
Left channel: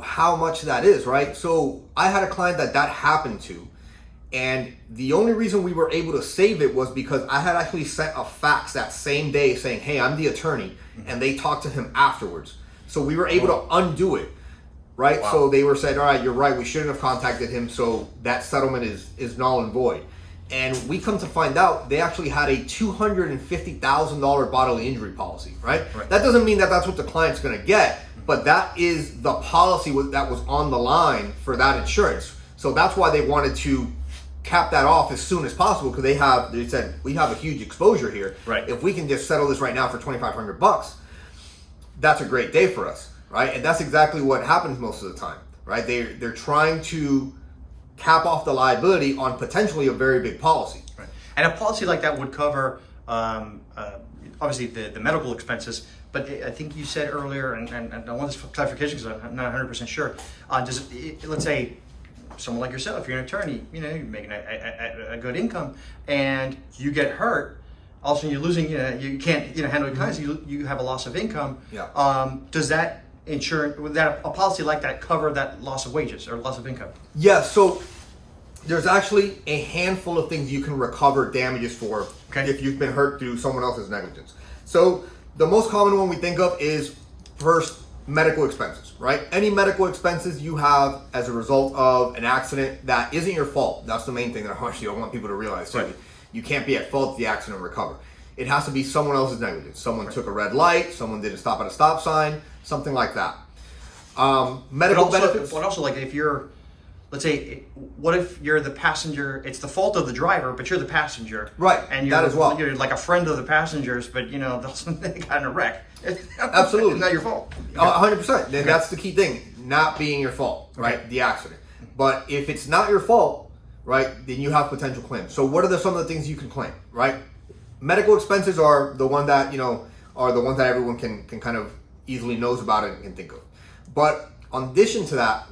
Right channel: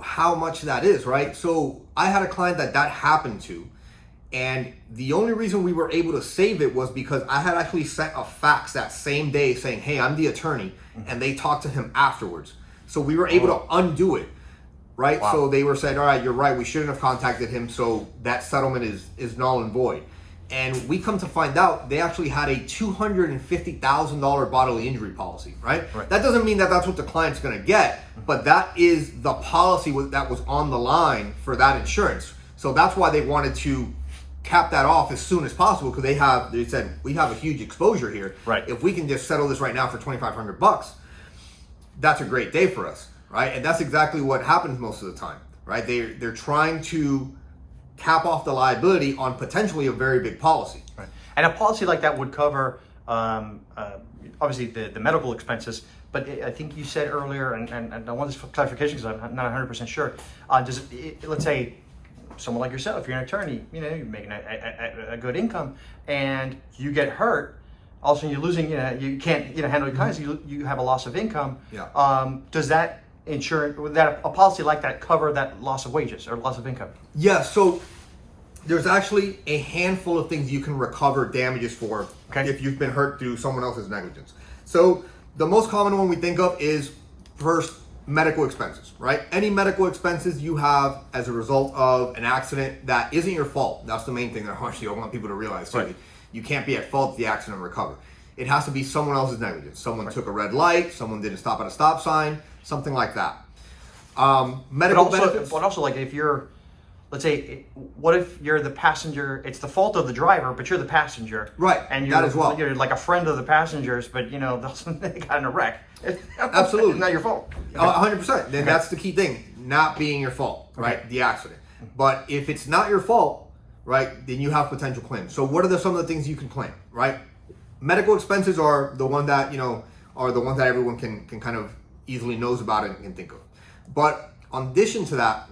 how much that is, right? So I had a client that happened to, and the only reason we were able to save it was because I had actually sent a fax that same day saying, hey, I'm the attorney, and they talked to him afterwards. So we were able to undo it. Right. Wow. So they were saying, all right, you're right, we shouldn't have contacted him. So that settlement is null and void. And we come to find out they actually had a $250,000 bodily injury policy. Right. That doesn't mean that that's what the client's going to get, but that is the policy that was on the line for that insurance. So that's why they wanted to cap that off as soon as possible, because they said, we have a huge exposure here. Right. If we can just settle this right now for $2,500, that's a great day for us. Right, and that's exactly what happens most of the time. Right, they're trying to cap off the liability on potentially a very big policy. Right, and a policy like that would cover obviously the medical expenses. But I think you said earlier, and I want this clarification because I'm not 100% sure. Let's say someone like yourself, you're an attorney, you're making a good income, and you get hurt. All of a sudden, you're losing. You can't handle your clients. You have a loss of income. Yeah. Does that would that a policy like that cover that loss of wages or loss of income? Yeah, so there's actually a handful of things you can recover damages for if you've been hurt through someone else's negligence. So the most common one we think of is, first, medical expenses, right? Any medical expenses you have as a result of an accident that isn't your fault. That's the main thing that I want people to realize too. Right. You can't be at fault if the accident recover. It has to be someone else's negligence. Someone took a red light, someone didn't stop at a stop sign, something like that. Medical benefits. But also, like, if you're, let's say, what if you're the passenger? It's the fault of the driver, but you're the passenger. Right, and you're, that as well. You're like a friend of the passengers, but they got in a wreck. Absolutely. It's not your fault. 100%. Then that's the key thing, not being your fault, right? The accident. But if it's not your fault, right, then you have potential claims. So what are some of the things you can claim, right? Medical expenses are the one that, that everyone can kind of easily knows about it and think of. But in addition to that,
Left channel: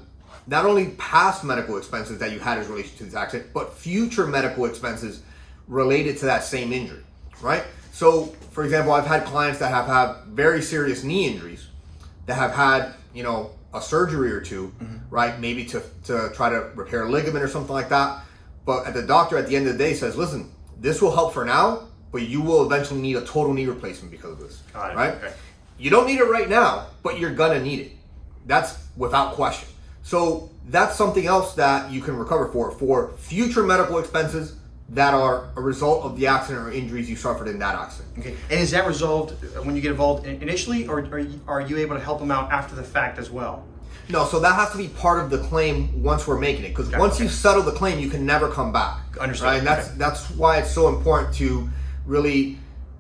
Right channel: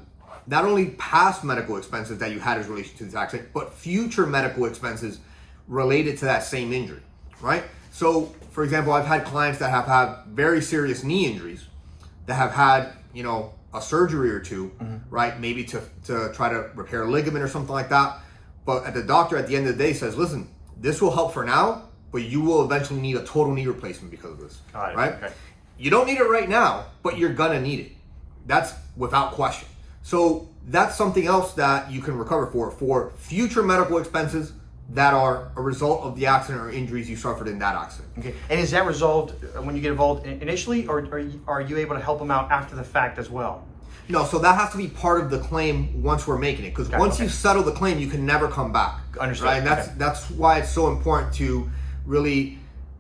not only past medical expenses that you had as relation to this accident, but future medical expenses related to that same injury, right? So, for example, I've had clients that have had very serious knee injuries that have had, a surgery or two, right? Maybe to try to repair a ligament or something like that. But the doctor at the end of the day says, listen, this will help for now, but you will eventually need a total knee replacement because of this, right? Okay. You don't need it right now, but you're gonna need it. That's without question. So that's something else that you can recover for future medical expenses that are a result of the accident or injuries you suffered in that accident. Okay. And is that resolved when you get involved initially, or are you able to help them out after the fact as well? No, so that has to be part of the claim once we're making it, because once you settle the claim, you can never come back. Understood. Right, and that's why it's so important to really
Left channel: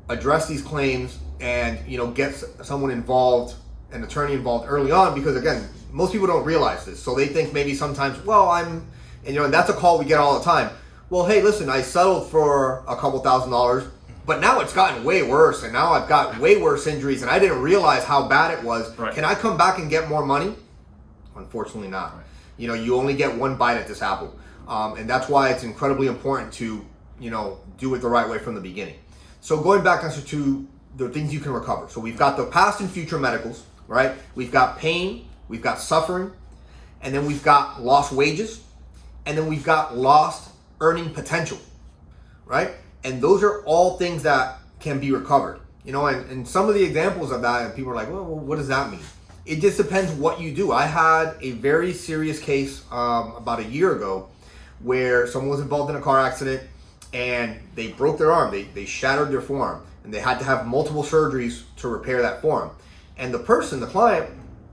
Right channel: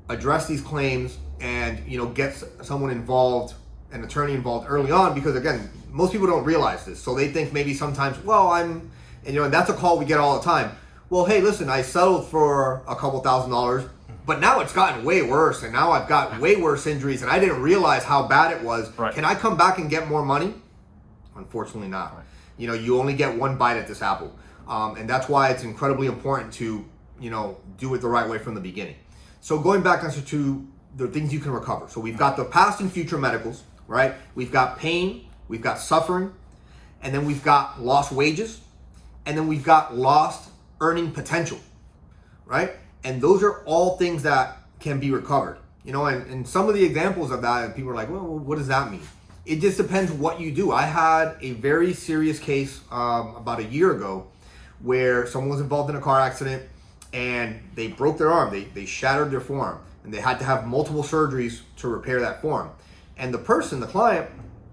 address these claims and get someone involved, an attorney involved early on, because again, most people don't realize this, so they think maybe sometimes, and that's a call we get all the time. Well, hey, listen, I settled for a couple $1,000s, but now it's gotten way worse, and now I've got way worse injuries, and I didn't realize how bad it was. Right. Can I come back and get more money? Unfortunately not. Right. You only get one bite at this apple. And that's why it's incredibly important to, do it the right way from the beginning. So going back to the things you can recover. So we've got the past and future medicals, right? We've got pain, we've got suffering, and then we've got lost wages, and then we've got lost earning potential, right? And those are all things that can be recovered, and some of the examples of that, and people are like, well, what does that mean? It just depends what you do. I had a very serious case about a year ago where someone was involved in a car accident and they broke their arm. They shattered their forearm, and they had to have multiple surgeries to repair that forearm. And the client,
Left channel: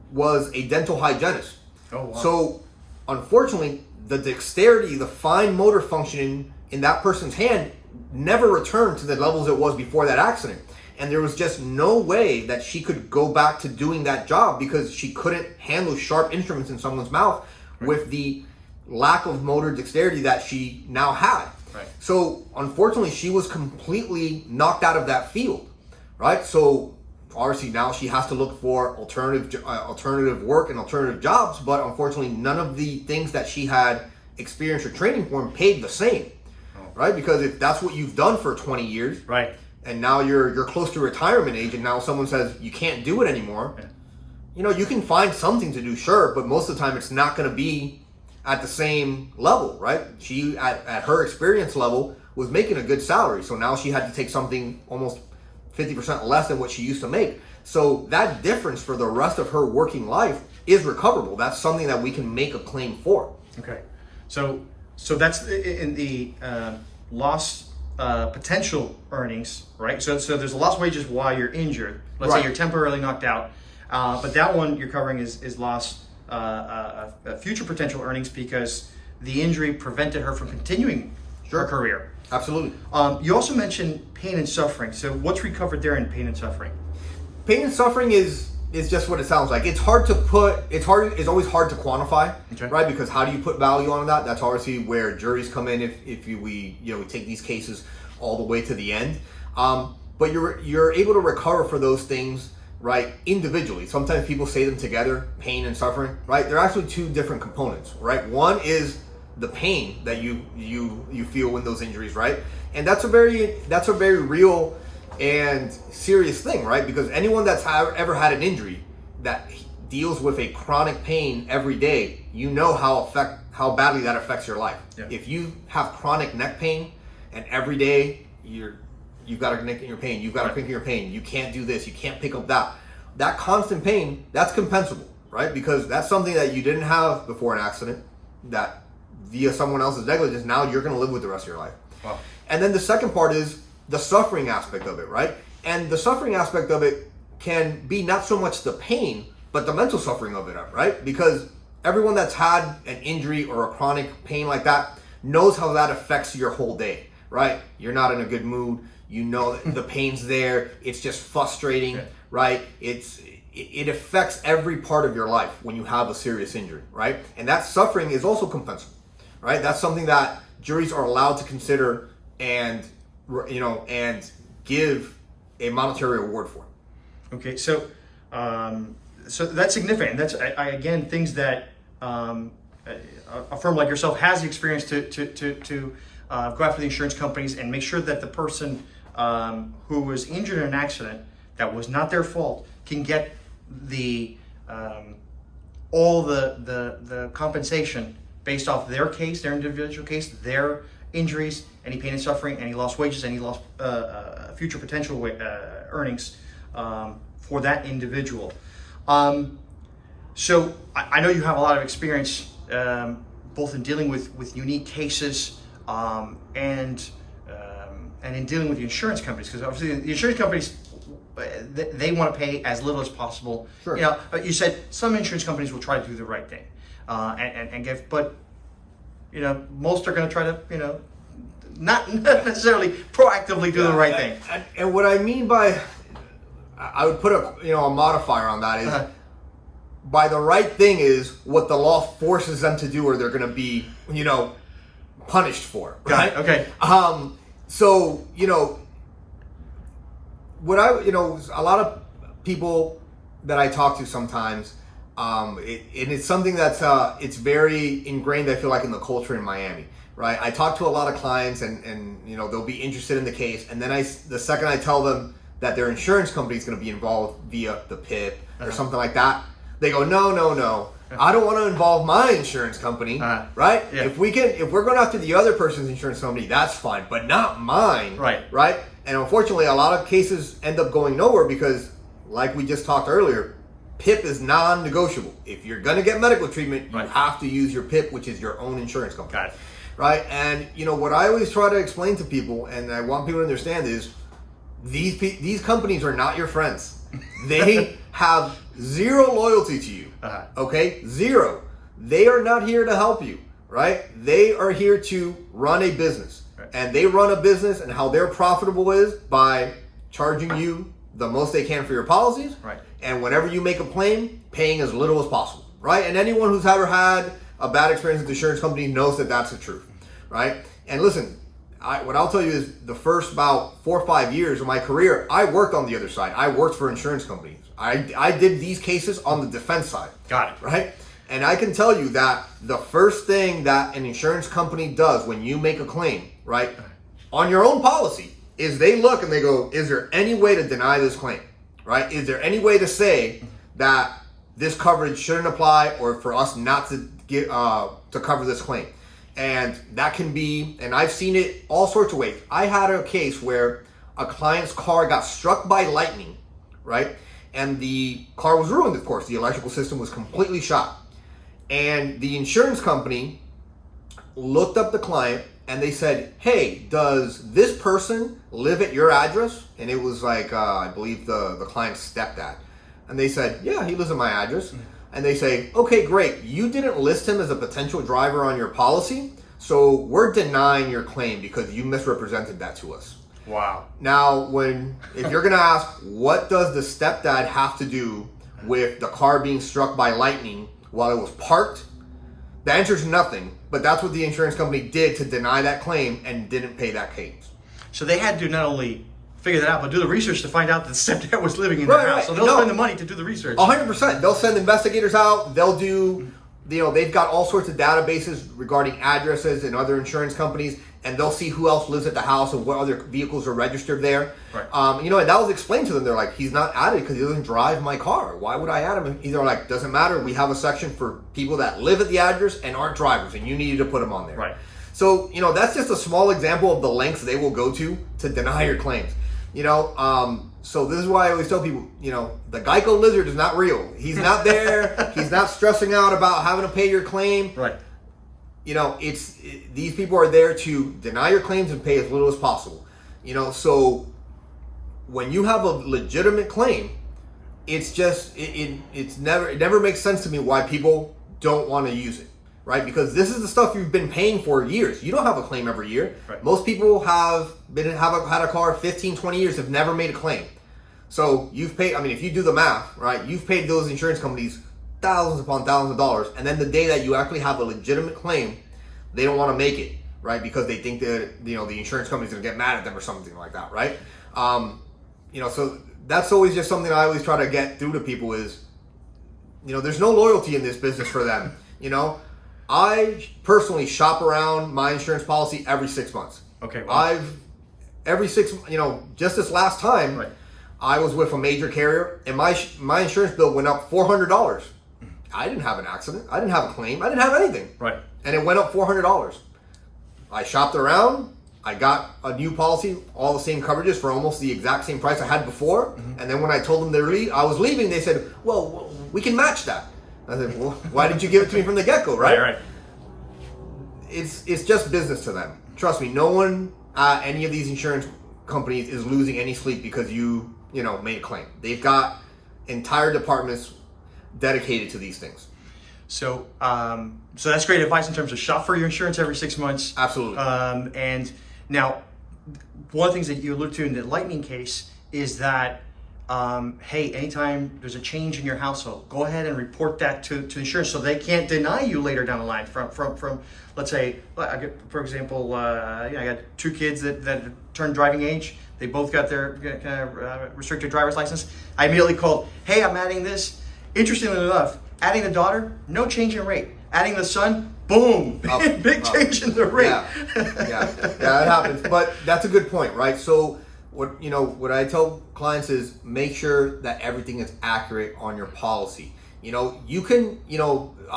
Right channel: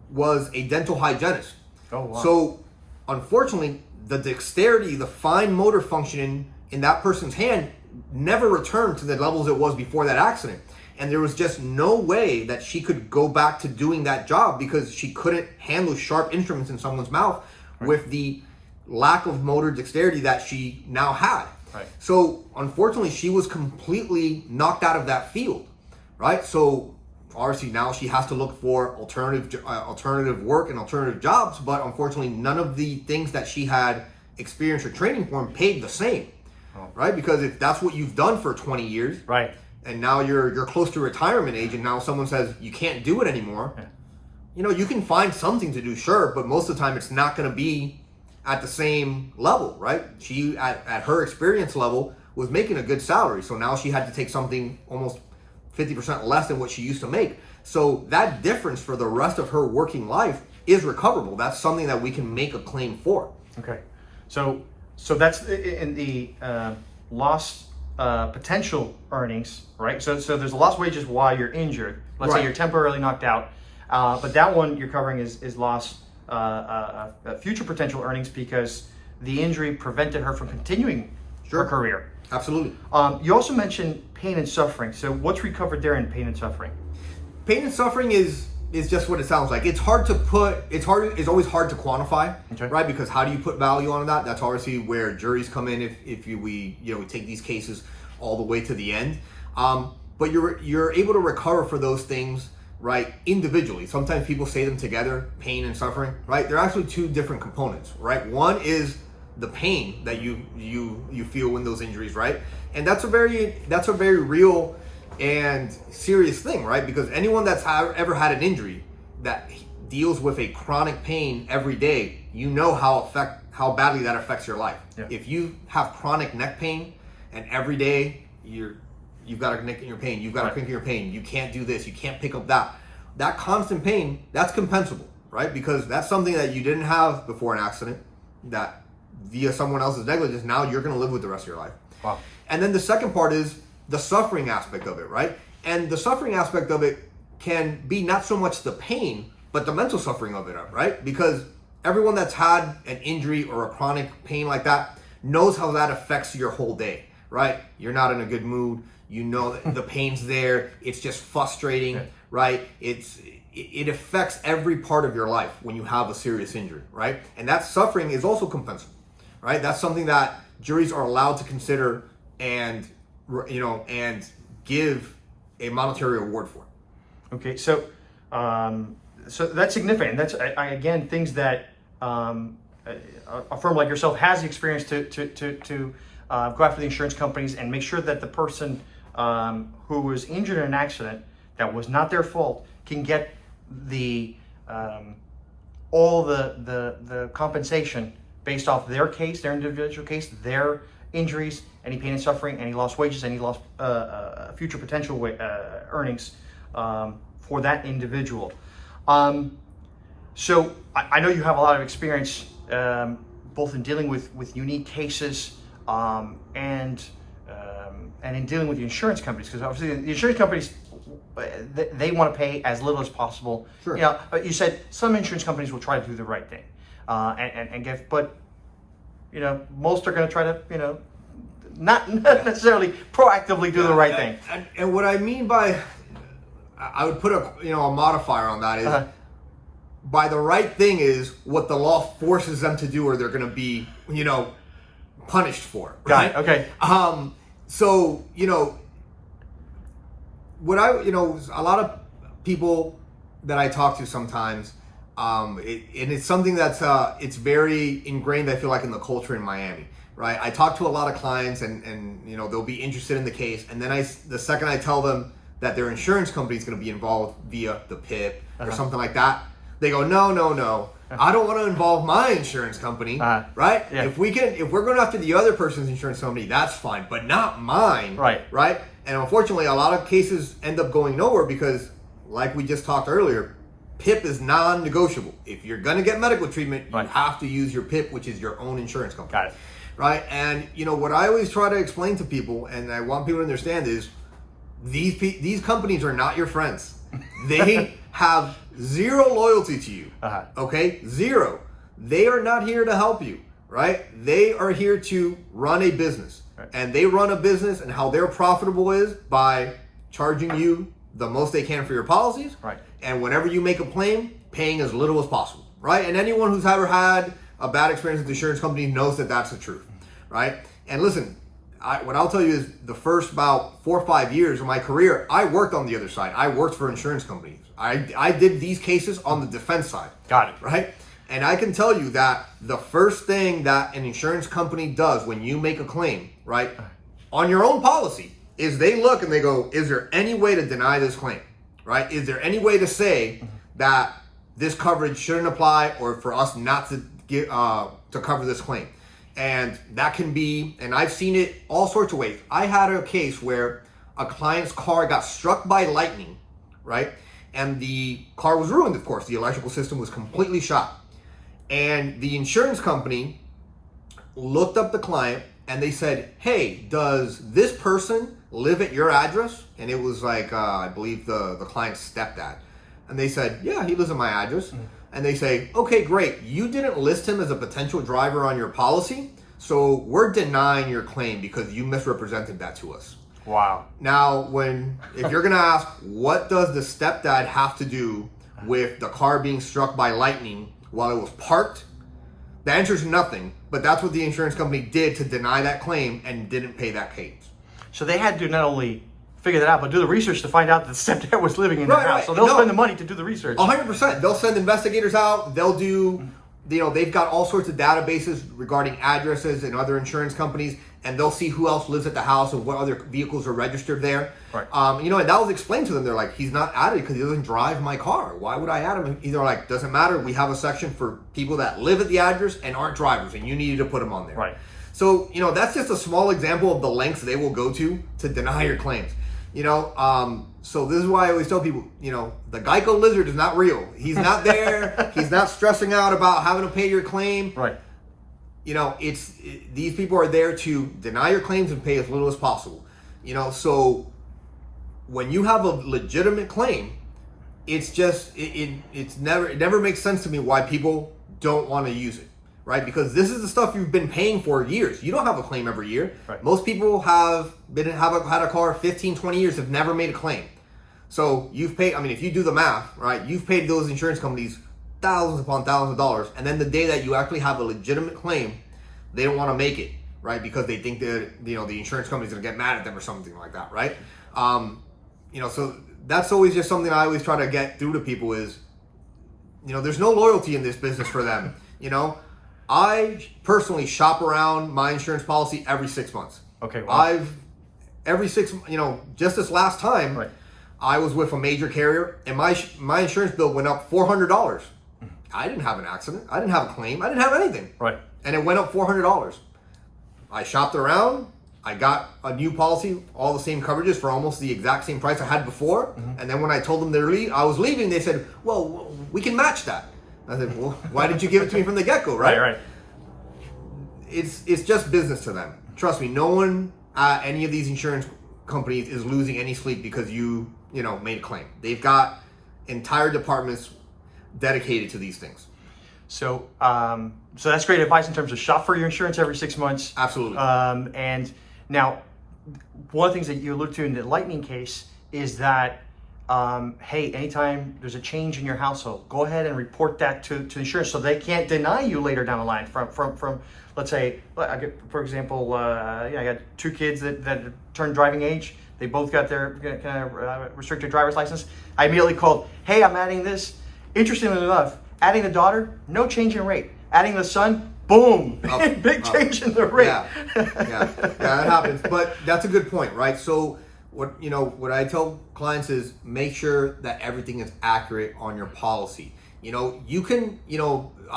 was a dental hygienist. Oh, wow. So unfortunately, the dexterity, the fine motor function in that person's hand never returned to the levels it was before that accident. And there was just no way that she could go back to doing that job because she couldn't handle sharp instruments in someone's mouth with the lack of motor dexterity that she now had. Right. So unfortunately, she was completely knocked out of that field, right? So obviously now she has to look for alternative work and alternative jobs, but unfortunately none of the things that she had experience or training for paid the same, right? Because if that's what you've done for 20 years, right, and now you're close to retirement age, and now someone says you can't do it anymore, you can find something to do, sure, but most of the time it's not going to be at the same level, right? She at her experience level was making a good salary, so now she had to take something almost 50% less than what she used to make. So that difference for the rest of her working life is recoverable. That's something that we can make a claim for. Okay, so that's in the lost potential earnings, right? So there's lost wages while you're injured. Let's say you're temporarily knocked out, but that one you're covering is lost future potential earnings because the injury prevented her from continuing her career. Absolutely. You also mentioned pain and suffering. So what's recovered there in pain and suffering? Pain and suffering is just what it sounds like. It's hard to put. It's always hard to quantify, right? Because how do you put value on that? That's obviously where juries come in. If we take these cases all the way to the end. But you're able to recover for those things, right? Individually. Sometimes people say them together, pain and suffering, right? They're actually two different components, right? One is the pain that you feel in those injuries, right? And that's a very real and serious thing, right? Because anyone that's ever had an injury that deals with a chronic pain every day, how badly that affects your life. Yeah. If you have chronic neck pain and every day you've got a neck in your pain, you've got a crank in your pain, you can't do this, you can't pick up that constant pain, that's compensable, right? Because that's something that you didn't have before an accident, that via someone else's negligence, now you're going to live with the rest of your life. Wow. And then the second part is the suffering aspect of it, right? And the suffering aspect of it can be not so much the pain, but the mental suffering of it, right? Because everyone that's had an injury or a chronic pain like that knows how that affects your whole day, right? You're not in a good mood. You know the pain's there. It's just frustrating, right? It affects every part of your life when you have a serious injury, right? And that suffering is also compensable, right? That's something that juries are allowed to consider and give a monetary award for. Okay, so that's significant. That's again things that a firm like yourself has the experience to go after the insurance companies and make sure that the person who was injured in an accident that was not their fault can get the all the compensation based off their case, their individual case, their injuries, any pain and suffering, any lost wages, any lost future potential earnings for that individual. So I know you have a lot of experience both in dealing with unique cases and in dealing with the insurance companies, because obviously the insurance companies, they want to pay as little as possible. Sure. You know, you said some insurance companies will try to do the right thing and give, but you know, most are going to try to, you know, not necessarily proactively do the right thing. And what I mean by, I would put a modifier on that is, by the right thing is what the law forces them to do, or they're going to be, punished for. Right? Got it. Okay. So, a lot of people that I talk to sometimes, and it's something that's, it's very ingrained, I feel like, in the culture in Miami, right? I talk to a lot of clients and they'll be interested in the case. And then the second I tell them that their insurance company is going to be involved via the PIP or something like that, they go, no. I don't want to involve my insurance company, right? Yeah. If we're going after the other person's insurance company, that's fine, but not mine, right? And unfortunately, a lot of cases end up going nowhere because, like we just talked earlier, PIP is non-negotiable. If you're going to get medical treatment, you have to use your PIP, which is your own insurance company. Got it. Right? And, what I always try to explain to people, and I want people to understand, is these companies are not your friends. They have zero loyalty to you. Okay? Zero. They are not here to help you, right? They are here to run a business. And they run a business, and how they're profitable is by charging you the most they can for your policies. Right. And whenever you make a claim, paying as little as possible, right? And anyone who's ever had a bad experience with the insurance company knows that that's the truth, right? And listen, what I'll tell you is the first about 4 or 5 years of my career, I worked on the other side. I worked for insurance companies. I did these cases on the defense side. Got it. Right? And I can tell you that the first thing that an insurance company does when you make a claim, right, on your own policy, is they look and they go, is there any way to deny this claim, right? Is there any way to say that this coverage shouldn't apply, or for us not to get to cover this claim? And that can be, and I've seen it all sorts of ways. I had a case where a client's car got struck by lightning, right? And the car was ruined, of course. The electrical system was completely shot. And the insurance company looked up the client and they said, hey, does this person live at your address? And it was like, I believe the client's stepdad. And they said, yeah, he lives at my address. And they say, okay, great. You didn't list him as a potential driver on your policy, so we're denying your claim because you misrepresented that to us. Wow. Now, if you're going to ask, what does the stepdad have to do with the car being struck by lightning while it was parked? The answer is nothing, but that's what the insurance company did to deny that claim and didn't pay that claim. So they had to not only figure that out, but do the research to find out that the stepdad was living in their house. So they'll spend the money to do the research. 100%. They'll send investigators out. They'll do, they've got all sorts of databases regarding addresses and other insurance companies, and they'll see who else lives at the house and what other vehicles are registered there. Right. And that was explained to them. They're like, he's not added because he doesn't drive my car. Why would I add him? And they're like, doesn't matter. We have a section for people that live at the address and aren't drivers, and you needed to put them on there. Right. So, that's just a small example of the lengths they will go to deny your claims. So this is why I always tell people, the Geico lizard is not real. He's not there. He's not stressing out about having to pay your claim. Right. These people are there to deny your claims and pay as little as possible. So when you have a legitimate claim, it's just, it never makes sense to me why people don't want to use it. Right? Because this is the stuff you've been paying for years. You don't have a claim every year. Right. Most people had a car 15, 20 years, have never made a claim. So you've paid, if you do the math, right, you've paid those insurance companies thousands upon thousands of dollars. And then the day that you actually have a legitimate claim, they don't want to make it, right? Because they think that, the insurance company's going to get mad at them or something like that, right? So that's always just something I always try to get through to people is, there's no loyalty in this business for them, I personally shop around my insurance policy every 6 months. Okay. Wow. every 6, just this last time, Right. I was with a major carrier, and my insurance bill went up $400. I didn't have an accident. I didn't have a claim. I didn't have anything. Right. And it went up $400. I shopped around. I got a new policy, all the same coverages for almost the exact same price I had before. And then when I told them I was leaving, they said, "Well, we can match that." I said, "Well, why did you give it to me from the get-go, right?" Right. It's just business to them. Trust me, no one at any of these insurance companies is losing any sleep because you made a claim. They've got entire departments dedicated to these things. So, so that's great advice in terms of shop for your insurance every 6 months. Absolutely. And now, one of the things that you alluded to in the Lightning case is that, hey, anytime there's a change in your household, go ahead and report that to insurance so they can't deny you later down the line from let's say, for example, I got 2 kids that turned driving age. They both got their restricted driver's license. I immediately called, hey, I'm adding this. Interestingly enough, adding the daughter, no change in rate. Adding the son, boom, big change in the rate. Yeah, that happens. But that's a good point, right? So what I tell clients is make sure that everything is accurate on your policy. You can,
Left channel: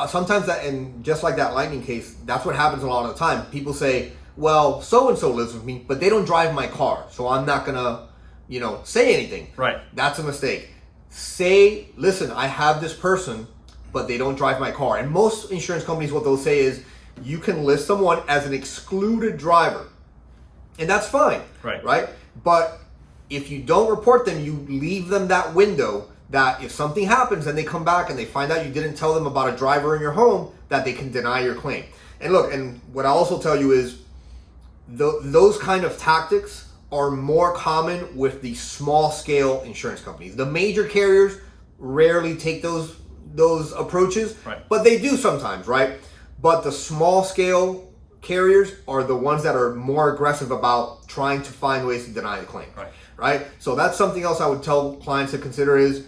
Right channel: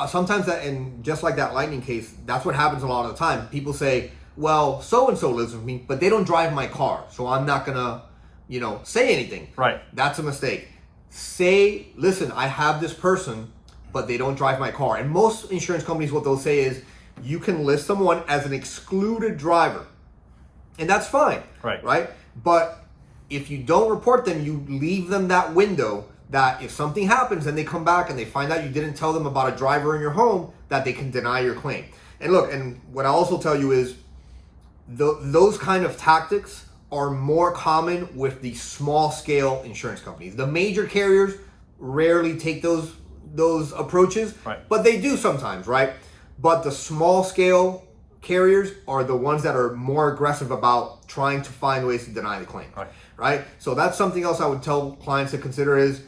sometimes that, and just like that Lightning case, that's what happens a lot of the time. People say, well, so-and-so lives with me, but they don't drive my car, so I'm not gonna, say anything. Right. That's a mistake. Say, listen, I have this person, but they don't drive my car. And most insurance companies, what they'll say is, you can list someone as an excluded driver. And that's fine. Right? But if you don't report them, you leave them that window that if something happens and they come back and they find out you didn't tell them about a driver in your home, that they can deny your claim. And look, and what I also tell you is, those kind of tactics are more common with the small scale insurance companies. The major carriers rarely take those approaches, but they do sometimes, right? But the small scale carriers are the ones that are more aggressive about trying to find ways to deny the claim, right? So that's something else I would tell clients to consider is,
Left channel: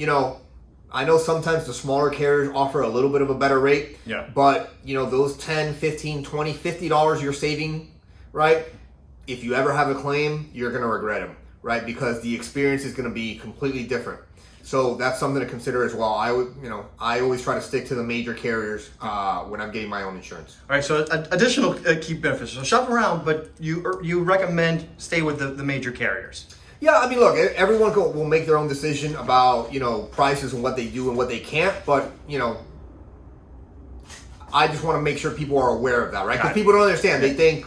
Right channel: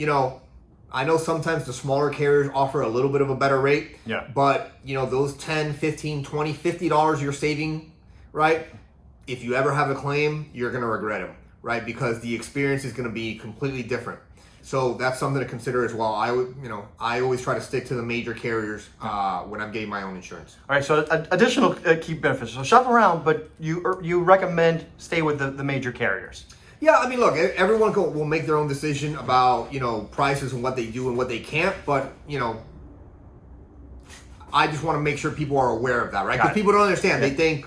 I know sometimes the smaller carriers offer a little bit of a better rate, but those $10, $15, $20, $50 you're saving, right? If you ever have a claim, you're going to regret them, right? Because the experience is going to be completely different. So that's something to consider as well. I always try to stick to the major carriers when I'm getting my own insurance. All right. So additional key benefits. So shop around, but you recommend stay with the major carriers. Yeah, I mean, look, everyone will make their own decision about prices and what they do and what they can't, but I just want to make sure people are aware of that, right? Because people don't understand. They think,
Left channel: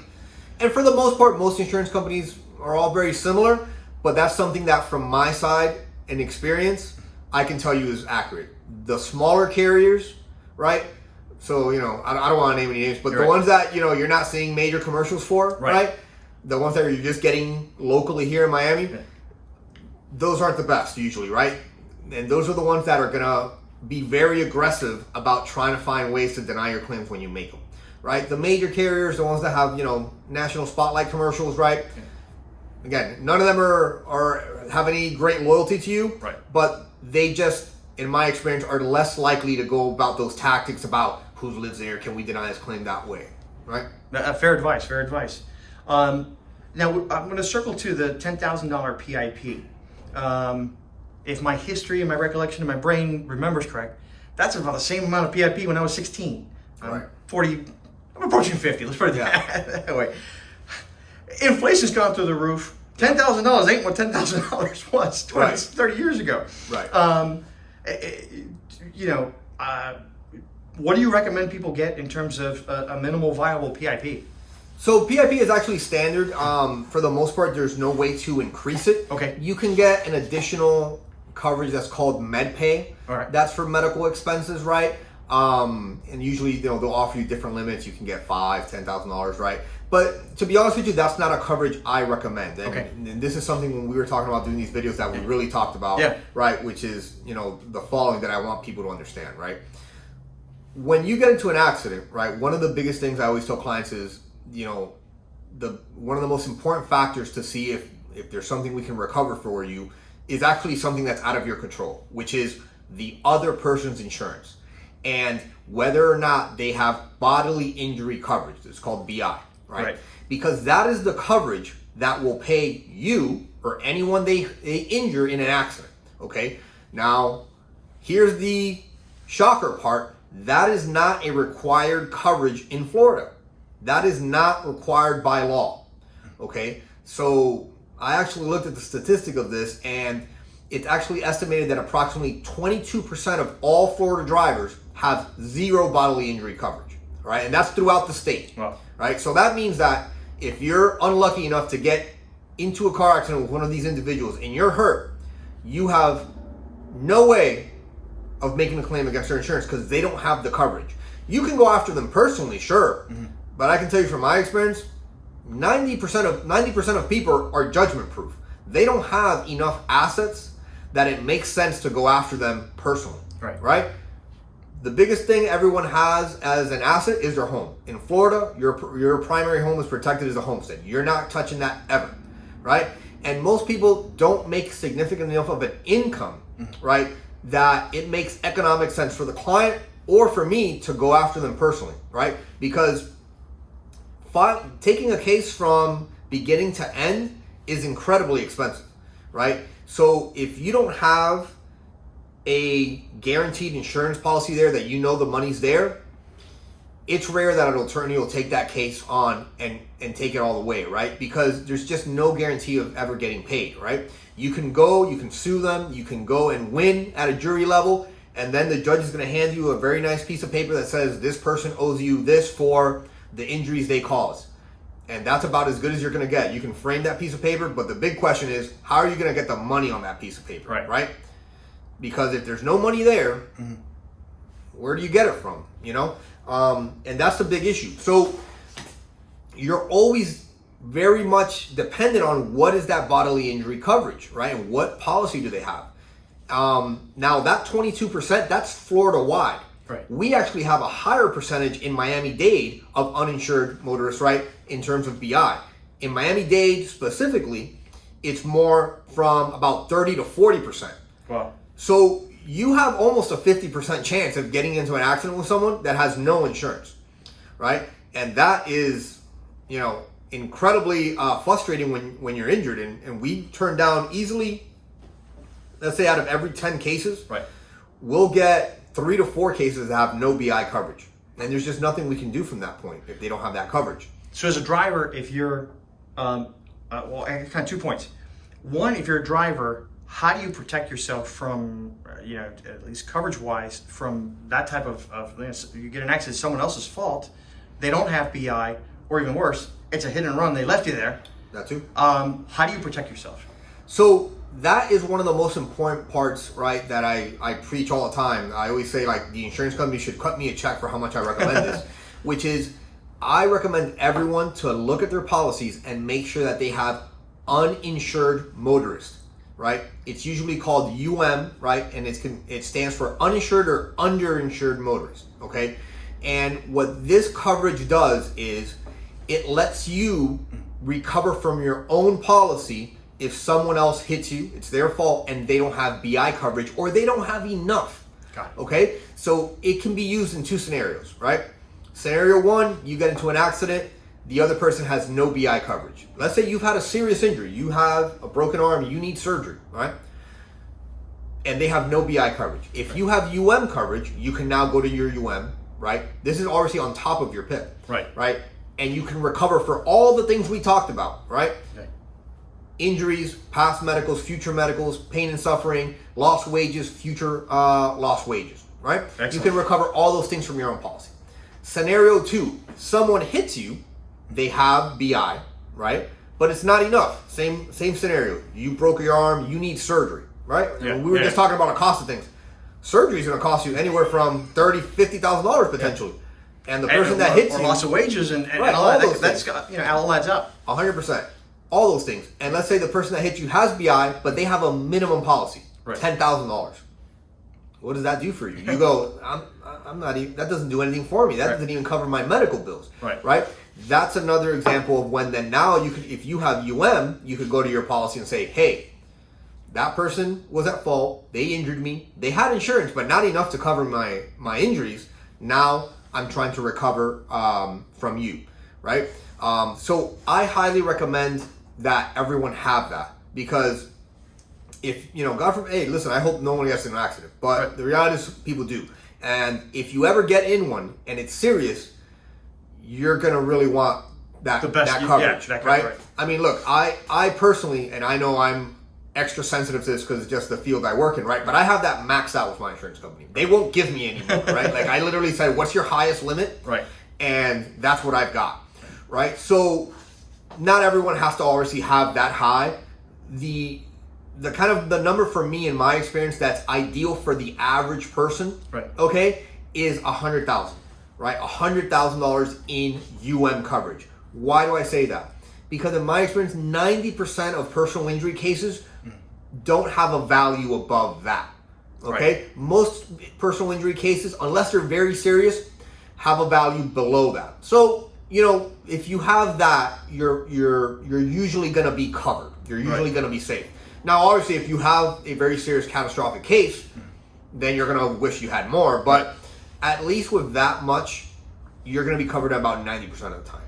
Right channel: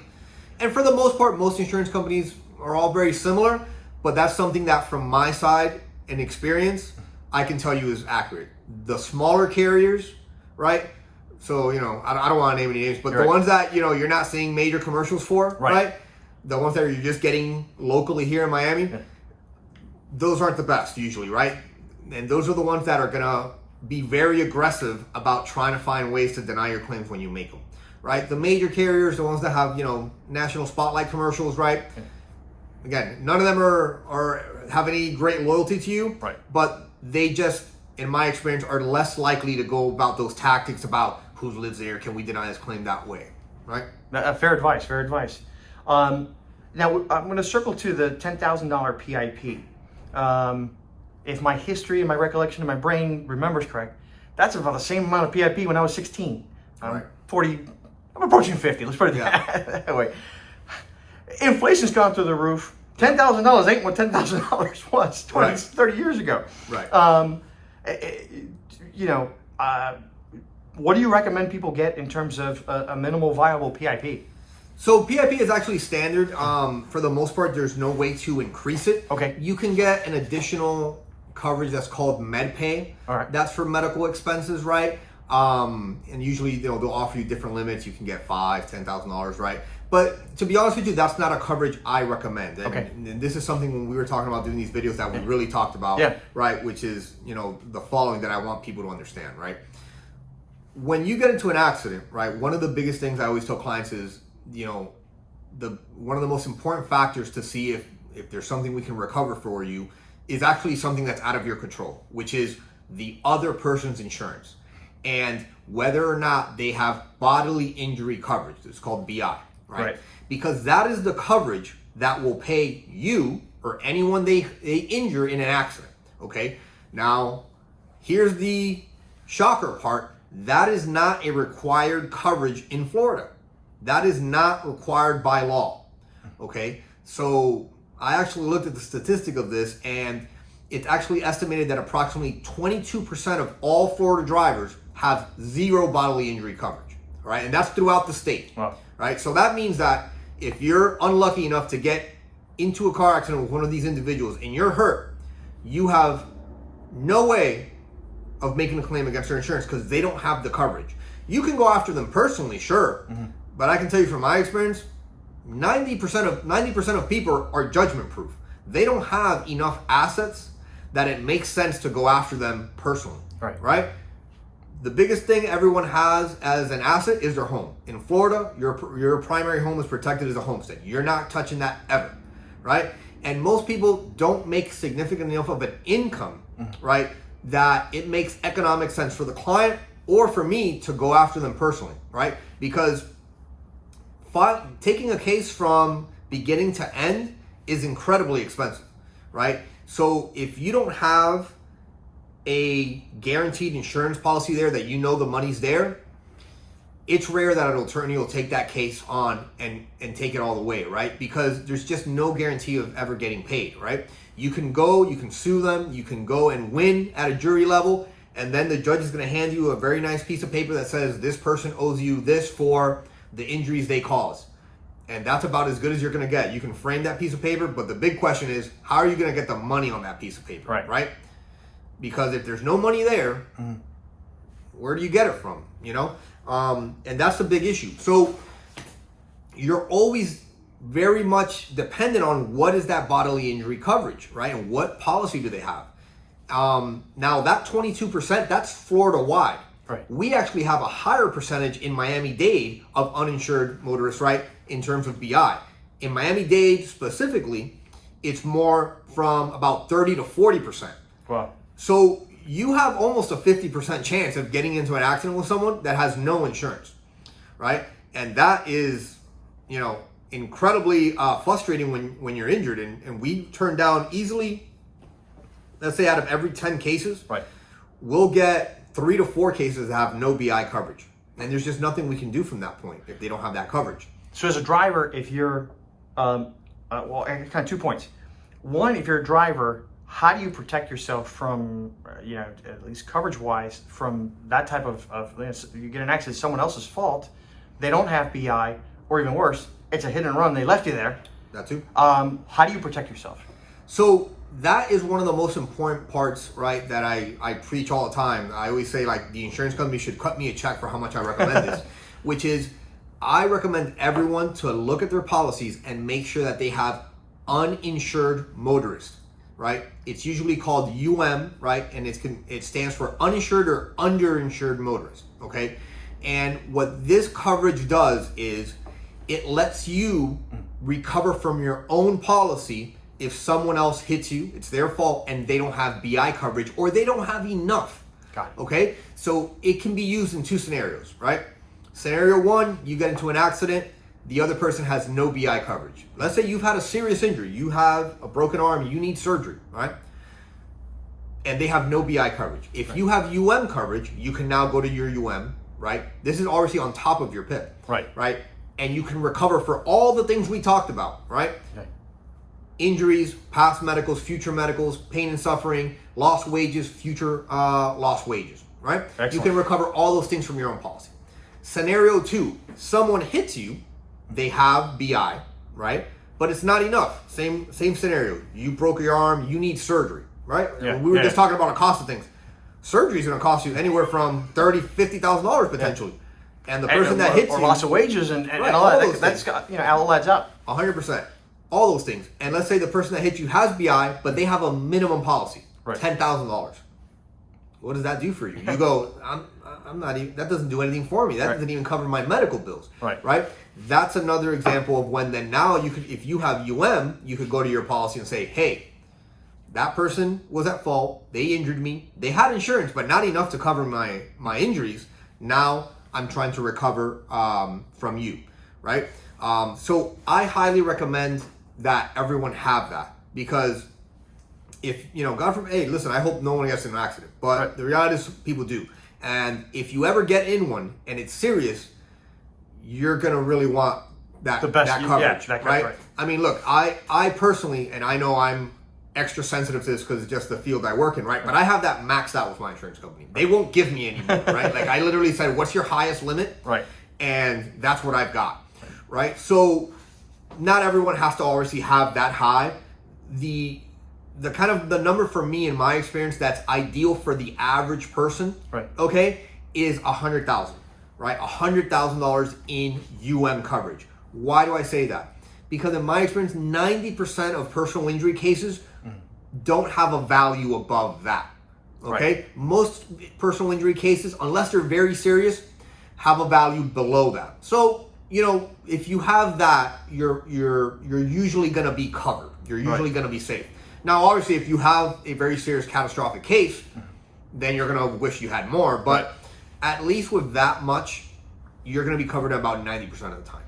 and for the most part, most insurance companies are all very similar, but that's something that from my side and experience, I can tell you is accurate. The smaller carriers, right? So, I don't want to name any names, but the ones that, you're not seeing major commercials for, right? The ones that you're just getting locally here in Miami, those aren't the best usually, right? And those are the ones that are going to be very aggressive about trying to find ways to deny your claims when you make them, right? The major carriers, the ones that have, national spotlight commercials, right? Again, none of them have any great loyalty to you, but they just, in my experience, are less likely to go about those tactics about who lives there, can we deny his claim that way, right? Fair advice. Now I'm going to circle to the $10,000 PIP. If my history and my recollection and my brain remembers correct, that's about the same amount of PIP when I was 16. I'm 40. I'm approaching 50. Let's put it that way. Inflation's gone through the roof. $10,000 ain't what $10,000 was 20, 30 years ago. What do you recommend people get in terms of a minimal viable PIP? So PIP is actually standard. For the most part, there's no way to increase it. Okay. You can get an additional coverage that's called MedPay. All right. That's for medical expenses, right? And usually they'll offer you different limits. You can get $5,000, $10,000, right? But to be honest with you, that's not a coverage I recommend. And this is something when we were talking about doing these videos that we really talked about, right? Which is, the following that I want people to understand, right? When you get into an accident, right? One of the biggest things I always tell clients is, one of the most important factors to see if there's something we can recover for you is actually something that's out of your control, which is the other person's insurance and whether or not they have bodily injury coverage. It's called BI, right? Because that is the coverage that will pay you or anyone they injure in an accident. Okay, now here's the shocker part. That is not a required coverage in Florida. That is not required by law. Okay, so I actually looked at the statistic of this, and it's actually estimated that approximately 22% of all Florida drivers have zero bodily injury coverage, right? And that's throughout the state, Wow. right? So that means that if you're unlucky enough to get into a car accident with one of these individuals and you're hurt, you have no way of making a claim against their insurance because they don't have the coverage. You can go after them personally, sure, but I can tell you from my experience, 90% of people are judgment proof. They don't have enough assets that it makes sense to go after them personally. Right? The biggest thing everyone has as an asset is their home. In Florida, your primary home is protected as a homestead. You're not touching that ever, right? And most people don't make significant enough of an income, right, that it makes economic sense for the client or for me to go after them personally, right? Because taking a case from beginning to end is incredibly expensive, right? So if you don't have a guaranteed insurance policy there that you know the money's there, it's rare that an attorney will take that case on and take it all the way, right? Because there's just no guarantee of ever getting paid, right? You can sue them, you can go and win at a jury level, and then the judge is going to hand you a very nice piece of paper that says this person owes you this for the injuries they caused. And that's about as good as you're going to get. You can frame that piece of paper, but the big question is, how are you going to get the money on that piece of paper, right? Because if there's no money there, where do you get it from, you know? And that's the big issue. So you're always very much dependent on what is that bodily injury coverage, right? And what policy do they have? Now that 22%, that's Florida wide. Right. We actually have a higher percentage in Miami-Dade of uninsured motorists, right? In terms of BI. In Miami-Dade specifically, it's more from about 30 to 40%. Wow. So you have almost a 50% chance of getting into an accident with someone that has no insurance, right? And that is, you know, incredibly frustrating when you're injured. And we turn down easily, let's say out of every 10 cases, right, we'll get 3 to 4 cases that have no BI coverage. And there's just nothing we can do from that point if they don't have that coverage. So as a driver, if you're, well, kind of 2 points. One, if you're a driver, how do you protect yourself from, you know, at least coverage-wise, from that type of you get an accident, someone else's fault, they don't have BI, or even worse, it's a hit and run, they left you there. That too. How do you protect yourself? So that is one of the most important parts, right, that I preach all the time. I always say, like, the insurance company should cut me a check for how much I recommend this, which is I recommend everyone to look at their policies and make sure that they have uninsured motorists, right? It's usually called right? And it stands for uninsured or underinsured motorists, okay? And what this coverage does is it lets you recover from your own policy if someone else hits you, it's their fault, and they don't have BI coverage or they don't have enough. Got it. Okay? So it can be used in 2 scenarios, right? Scenario 1, you get into an accident, the other person has no BI coverage. Let's say you've had a serious injury, you have a broken arm, you need surgery, right? And they have no BI coverage. If you have coverage, you can now go to your right? This is obviously on top of your PIP, right? And you can recover for all the things we talked about, right? Okay. Injuries, past medicals, future medicals, pain and suffering, lost wages, future lost wages, right? Excellent. You can recover all those things from your own policy. Scenario 2, someone hits you, they have BI, right? But it's not enough. Same scenario. You broke your arm, you need surgery, right? Yeah. We were just talking about the cost of things. Surgery is going to cost you anywhere from $30,000, $50,000 potentially. Yeah. And the person that hits you, or loss of wages and right, all that, those that's got, you know, all adds up. 100%. All those things. And let's say the person that hit you has BI, but they have a minimum policy, right, $10,000. What does that do for you? You go, I'm not even, that doesn't do anything for me. That doesn't even cover my medical bills. Right? That's another example of when then now you could, if you have you could go to your policy and say, hey, that person was at fault. They injured me. They had insurance, but not enough to cover my injuries. Now I'm trying to recover from you, right? So I highly recommend that everyone have that, because if, God forbid, hey, listen, I hope no one gets in an accident, but Right. the reality is people do. And if you ever get in one and it's serious, you're going to really want that, The best, that yeah, coverage, that right? coverage. I mean, look, I personally, and I know I'm extra sensitive to this because it's just the field I work in, right? But I have that maxed out with my insurance company. They won't give me any more, right? Like, I literally said, what's your highest limit? Right. And that's what I've got, right? So not everyone has to obviously have that high. The kind of the number for me in my experience that's ideal for the average person, Right. okay, is $100,000, right? $100,000 in UM coverage. Why do I say that? Because in my experience, 90% of personal injury cases don't have a value above that, okay? Right. Most personal injury cases, unless they're very serious, have a value below that. So, if you have that, you're usually going to be covered. You're usually Right. going to be safe. Now, obviously, if you have a very serious catastrophic case, then you're going to wish you had more. But at least with that much, you're going to be covered about 90% of the time.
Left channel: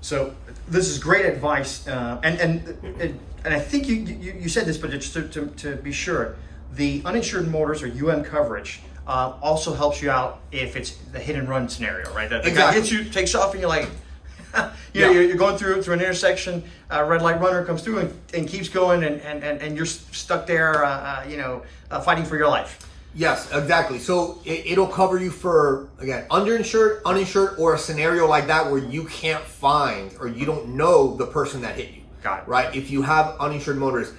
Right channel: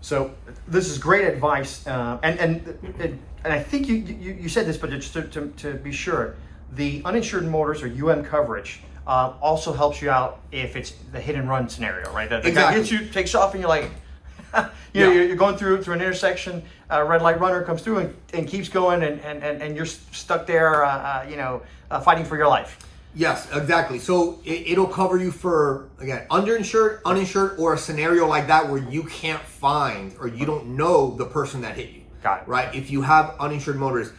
So this is great advice, and I think you said this, but just to be sure, the uninsured motorist or UM coverage also helps you out if it's the hit and run scenario, right? The guy hits you, takes off, and you're like, you're going through an intersection, red light runner comes through and keeps going, and you're stuck there, fighting for your life. Yes, exactly. So it'll cover you for, again, underinsured, uninsured, or a scenario like that where you can't find or you don't know the person that hit you. Got it. Right? If you have uninsured motorists,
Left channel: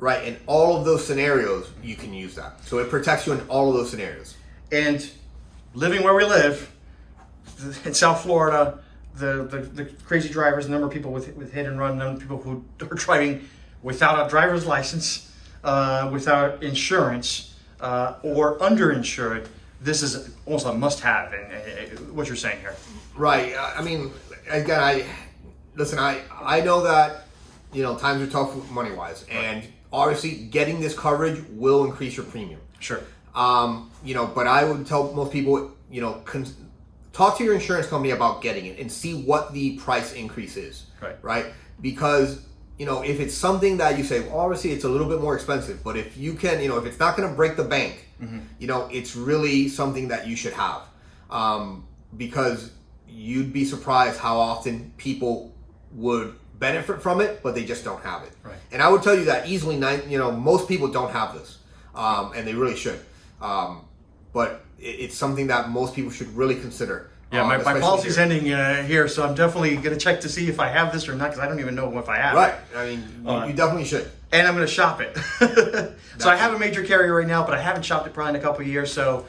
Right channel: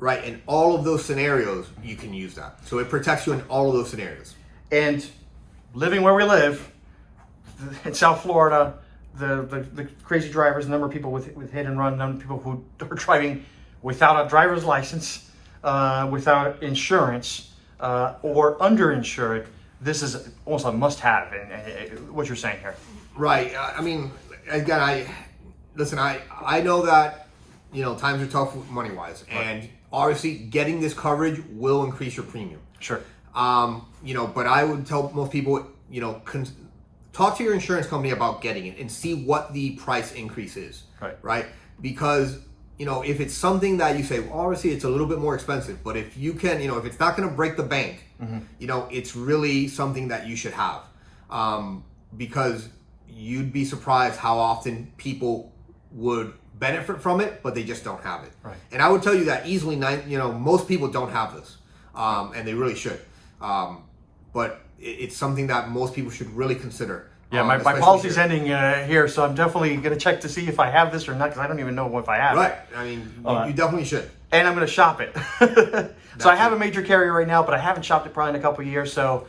right, in all of those scenarios, you can use that. So it protects you in all of those scenarios. And living where we live in South Florida, the crazy drivers, the number of people with hit and run, the number of people who are driving without a driver's license, without insurance, or underinsured, this is almost a must-have in what you're saying here. Right. I mean, again, I know that, times are tough money-wise, and obviously getting this coverage will increase your premium. Sure. But I would tell most people, talk to your insurance company about getting it and see what the price increase is. Right. Right? Because, if it's something that you say, well, obviously it's a little bit more expensive, but if you can, if it's not going to break the bank, it's really something that you should have. Because you'd be surprised how often people would benefit from it, but they just don't have it. Right. And I would tell you that easily, most people don't have this, and they really should. But it's something that most people should really consider. Yeah, my policy's ending here, so I'm definitely going to check to see if I have this or not, because I don't even know if I have Right. it. I mean, you definitely should. And I'm going to shop it. So I have a major carrier right now, but I haven't shopped it probably in a couple of years. So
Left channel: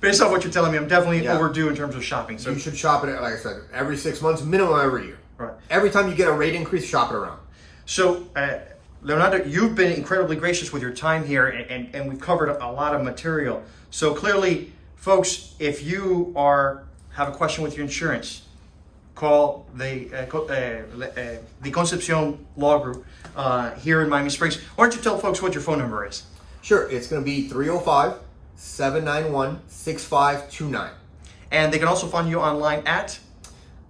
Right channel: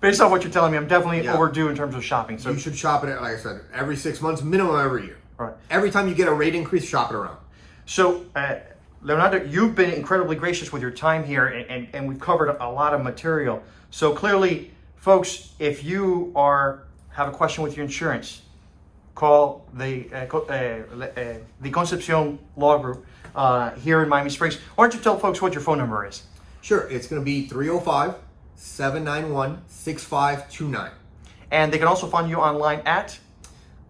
based off what you're telling me, I'm definitely overdue in terms of shopping. So you should shop it, like I said, every 6 months, minimum every year. Right. Every time you get a rate increase, shop it around. So, Leonardo, you've been incredibly gracious with your time here, and we've covered a lot of material. So clearly, folks, if you have a question with your insurance, call the Concepcion Law Group here in Miami Springs. Why don't you tell folks what your phone number is? Sure, it's going to be 305-791-6529. And they can also find you online at?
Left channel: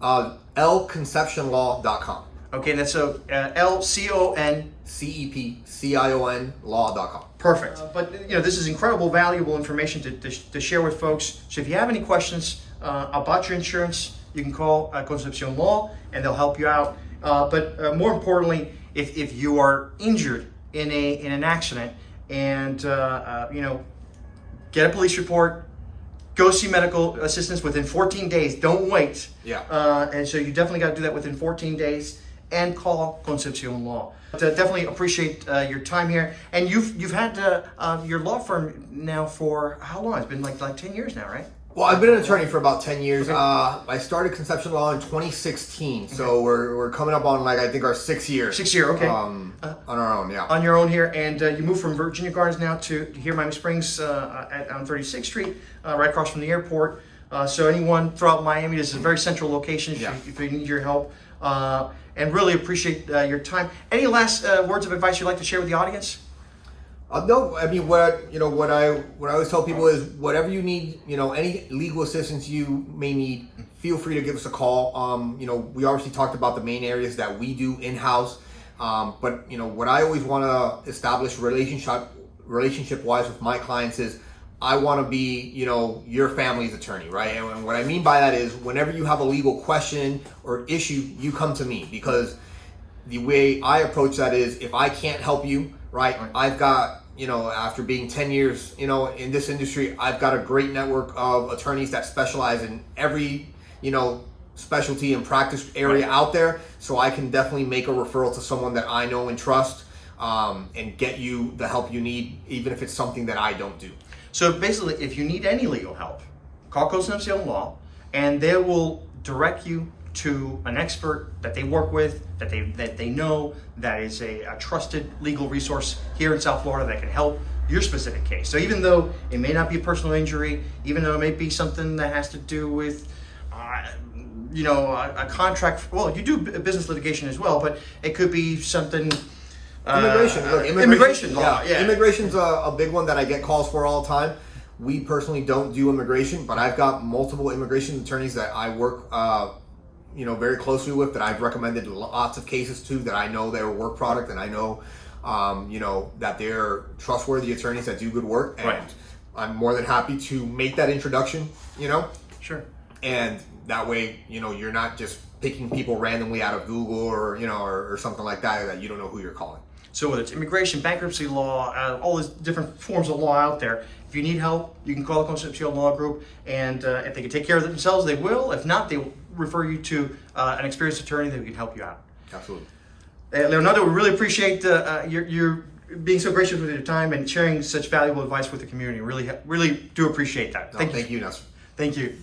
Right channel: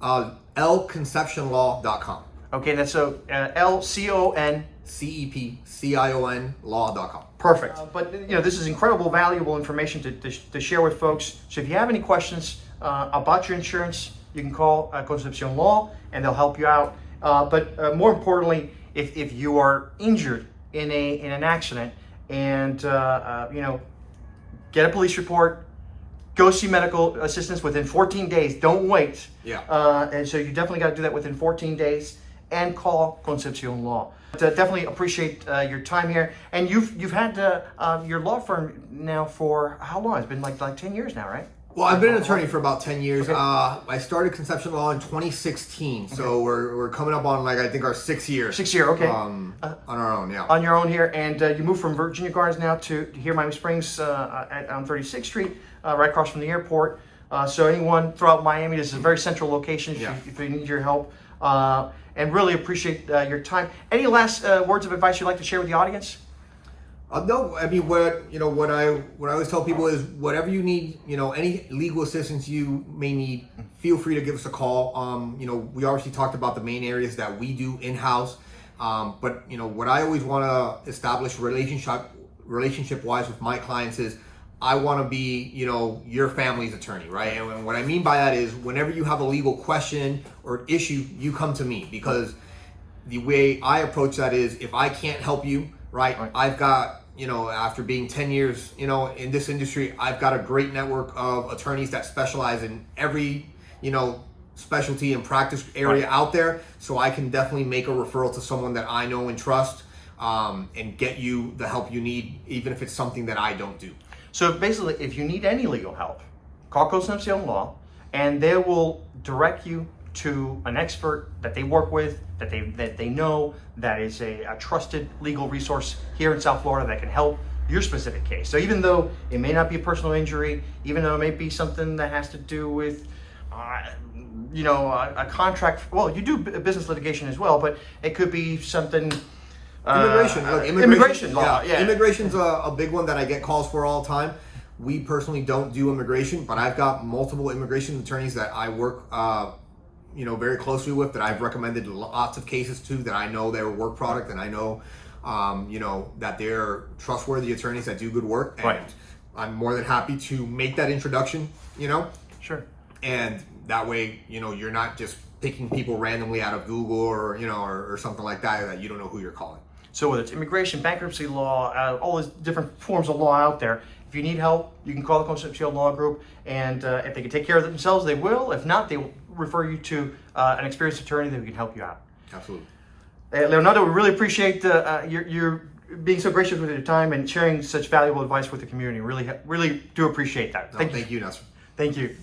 lconcepcionlaw.com. Okay, and that's LCON. CEPCION law.com. Perfect. But this is incredible, valuable information to share with folks. So if you have any questions about your insurance, you can call Concepcion Law, and they'll help you out. But more importantly, if you are injured in an accident, and get a police report, go see medical assistance within 14 days. Don't wait. Yeah. And so you definitely got to do that within 14 days, and call Concepcion Law. But, definitely appreciate your time here. And you've had your law firm now for how long? It's been like 10 years now, right? Well, I've been an attorney for about 10 years. Okay. I started Concepcion Law in 2016, so we're coming up on I think our 6th year. 6th year, okay. On our own, yeah. On your own here, and you moved from Virginia Gardens now to here, Miami Springs, on 36th Street, right across from the airport. So anyone throughout Miami, this is a very central location if they need your help. And really appreciate your time. Any last words of advice you'd like to share with the audience? No, I mean what I always tell people is whatever you need, any legal assistance you may need, feel free to give us a call. We obviously talked about the main areas that we do in-house. But what I always want to establish relationship wise with my clients is I want to be, your family's attorney, right? And what I mean by that is whenever you have a legal question or issue, you come to me, because the way I approach that is if I can't help you, right. I've got, after being 10 years, in this industry, I've got a great network of attorneys that specialize in every, specialty and practice area out there. So I can definitely make a referral to someone that I know and trust, and get you the help you need, even if it's something that I don't do. So basically, if you need any legal help, call Concepcion Law, and they will direct you to an expert that they work with, that they know, that is a trusted legal resource here in South Florida that can help your specific case. So even though it may not be a personal injury, even though it may be something that has to do with a contract, well, you do business litigation as well, but it could be something. Immigration law. Yeah. Immigration's a big one that I get calls for all the time. We personally don't do immigration, but I've got multiple immigration attorneys that I work, very closely with, that I've recommended lots of cases to, that I know their work product, and I know, that they're trustworthy attorneys that do good work. And I'm more than happy to make that introduction, Sure. And that way, you're not just picking people randomly out of Google or something like that you don't know who you're calling. So whether it's immigration, bankruptcy law, all these different forms of law out there, if you need help, you can call the Concepcion Law Group, and if they can take care of it themselves, they will. If not, they will refer you to an experienced attorney that can help you out. Absolutely. Leonardo, we really appreciate your being so gracious with your time and sharing such valuable advice with the community. Really do appreciate that. Thank you, Nasser. Thank you.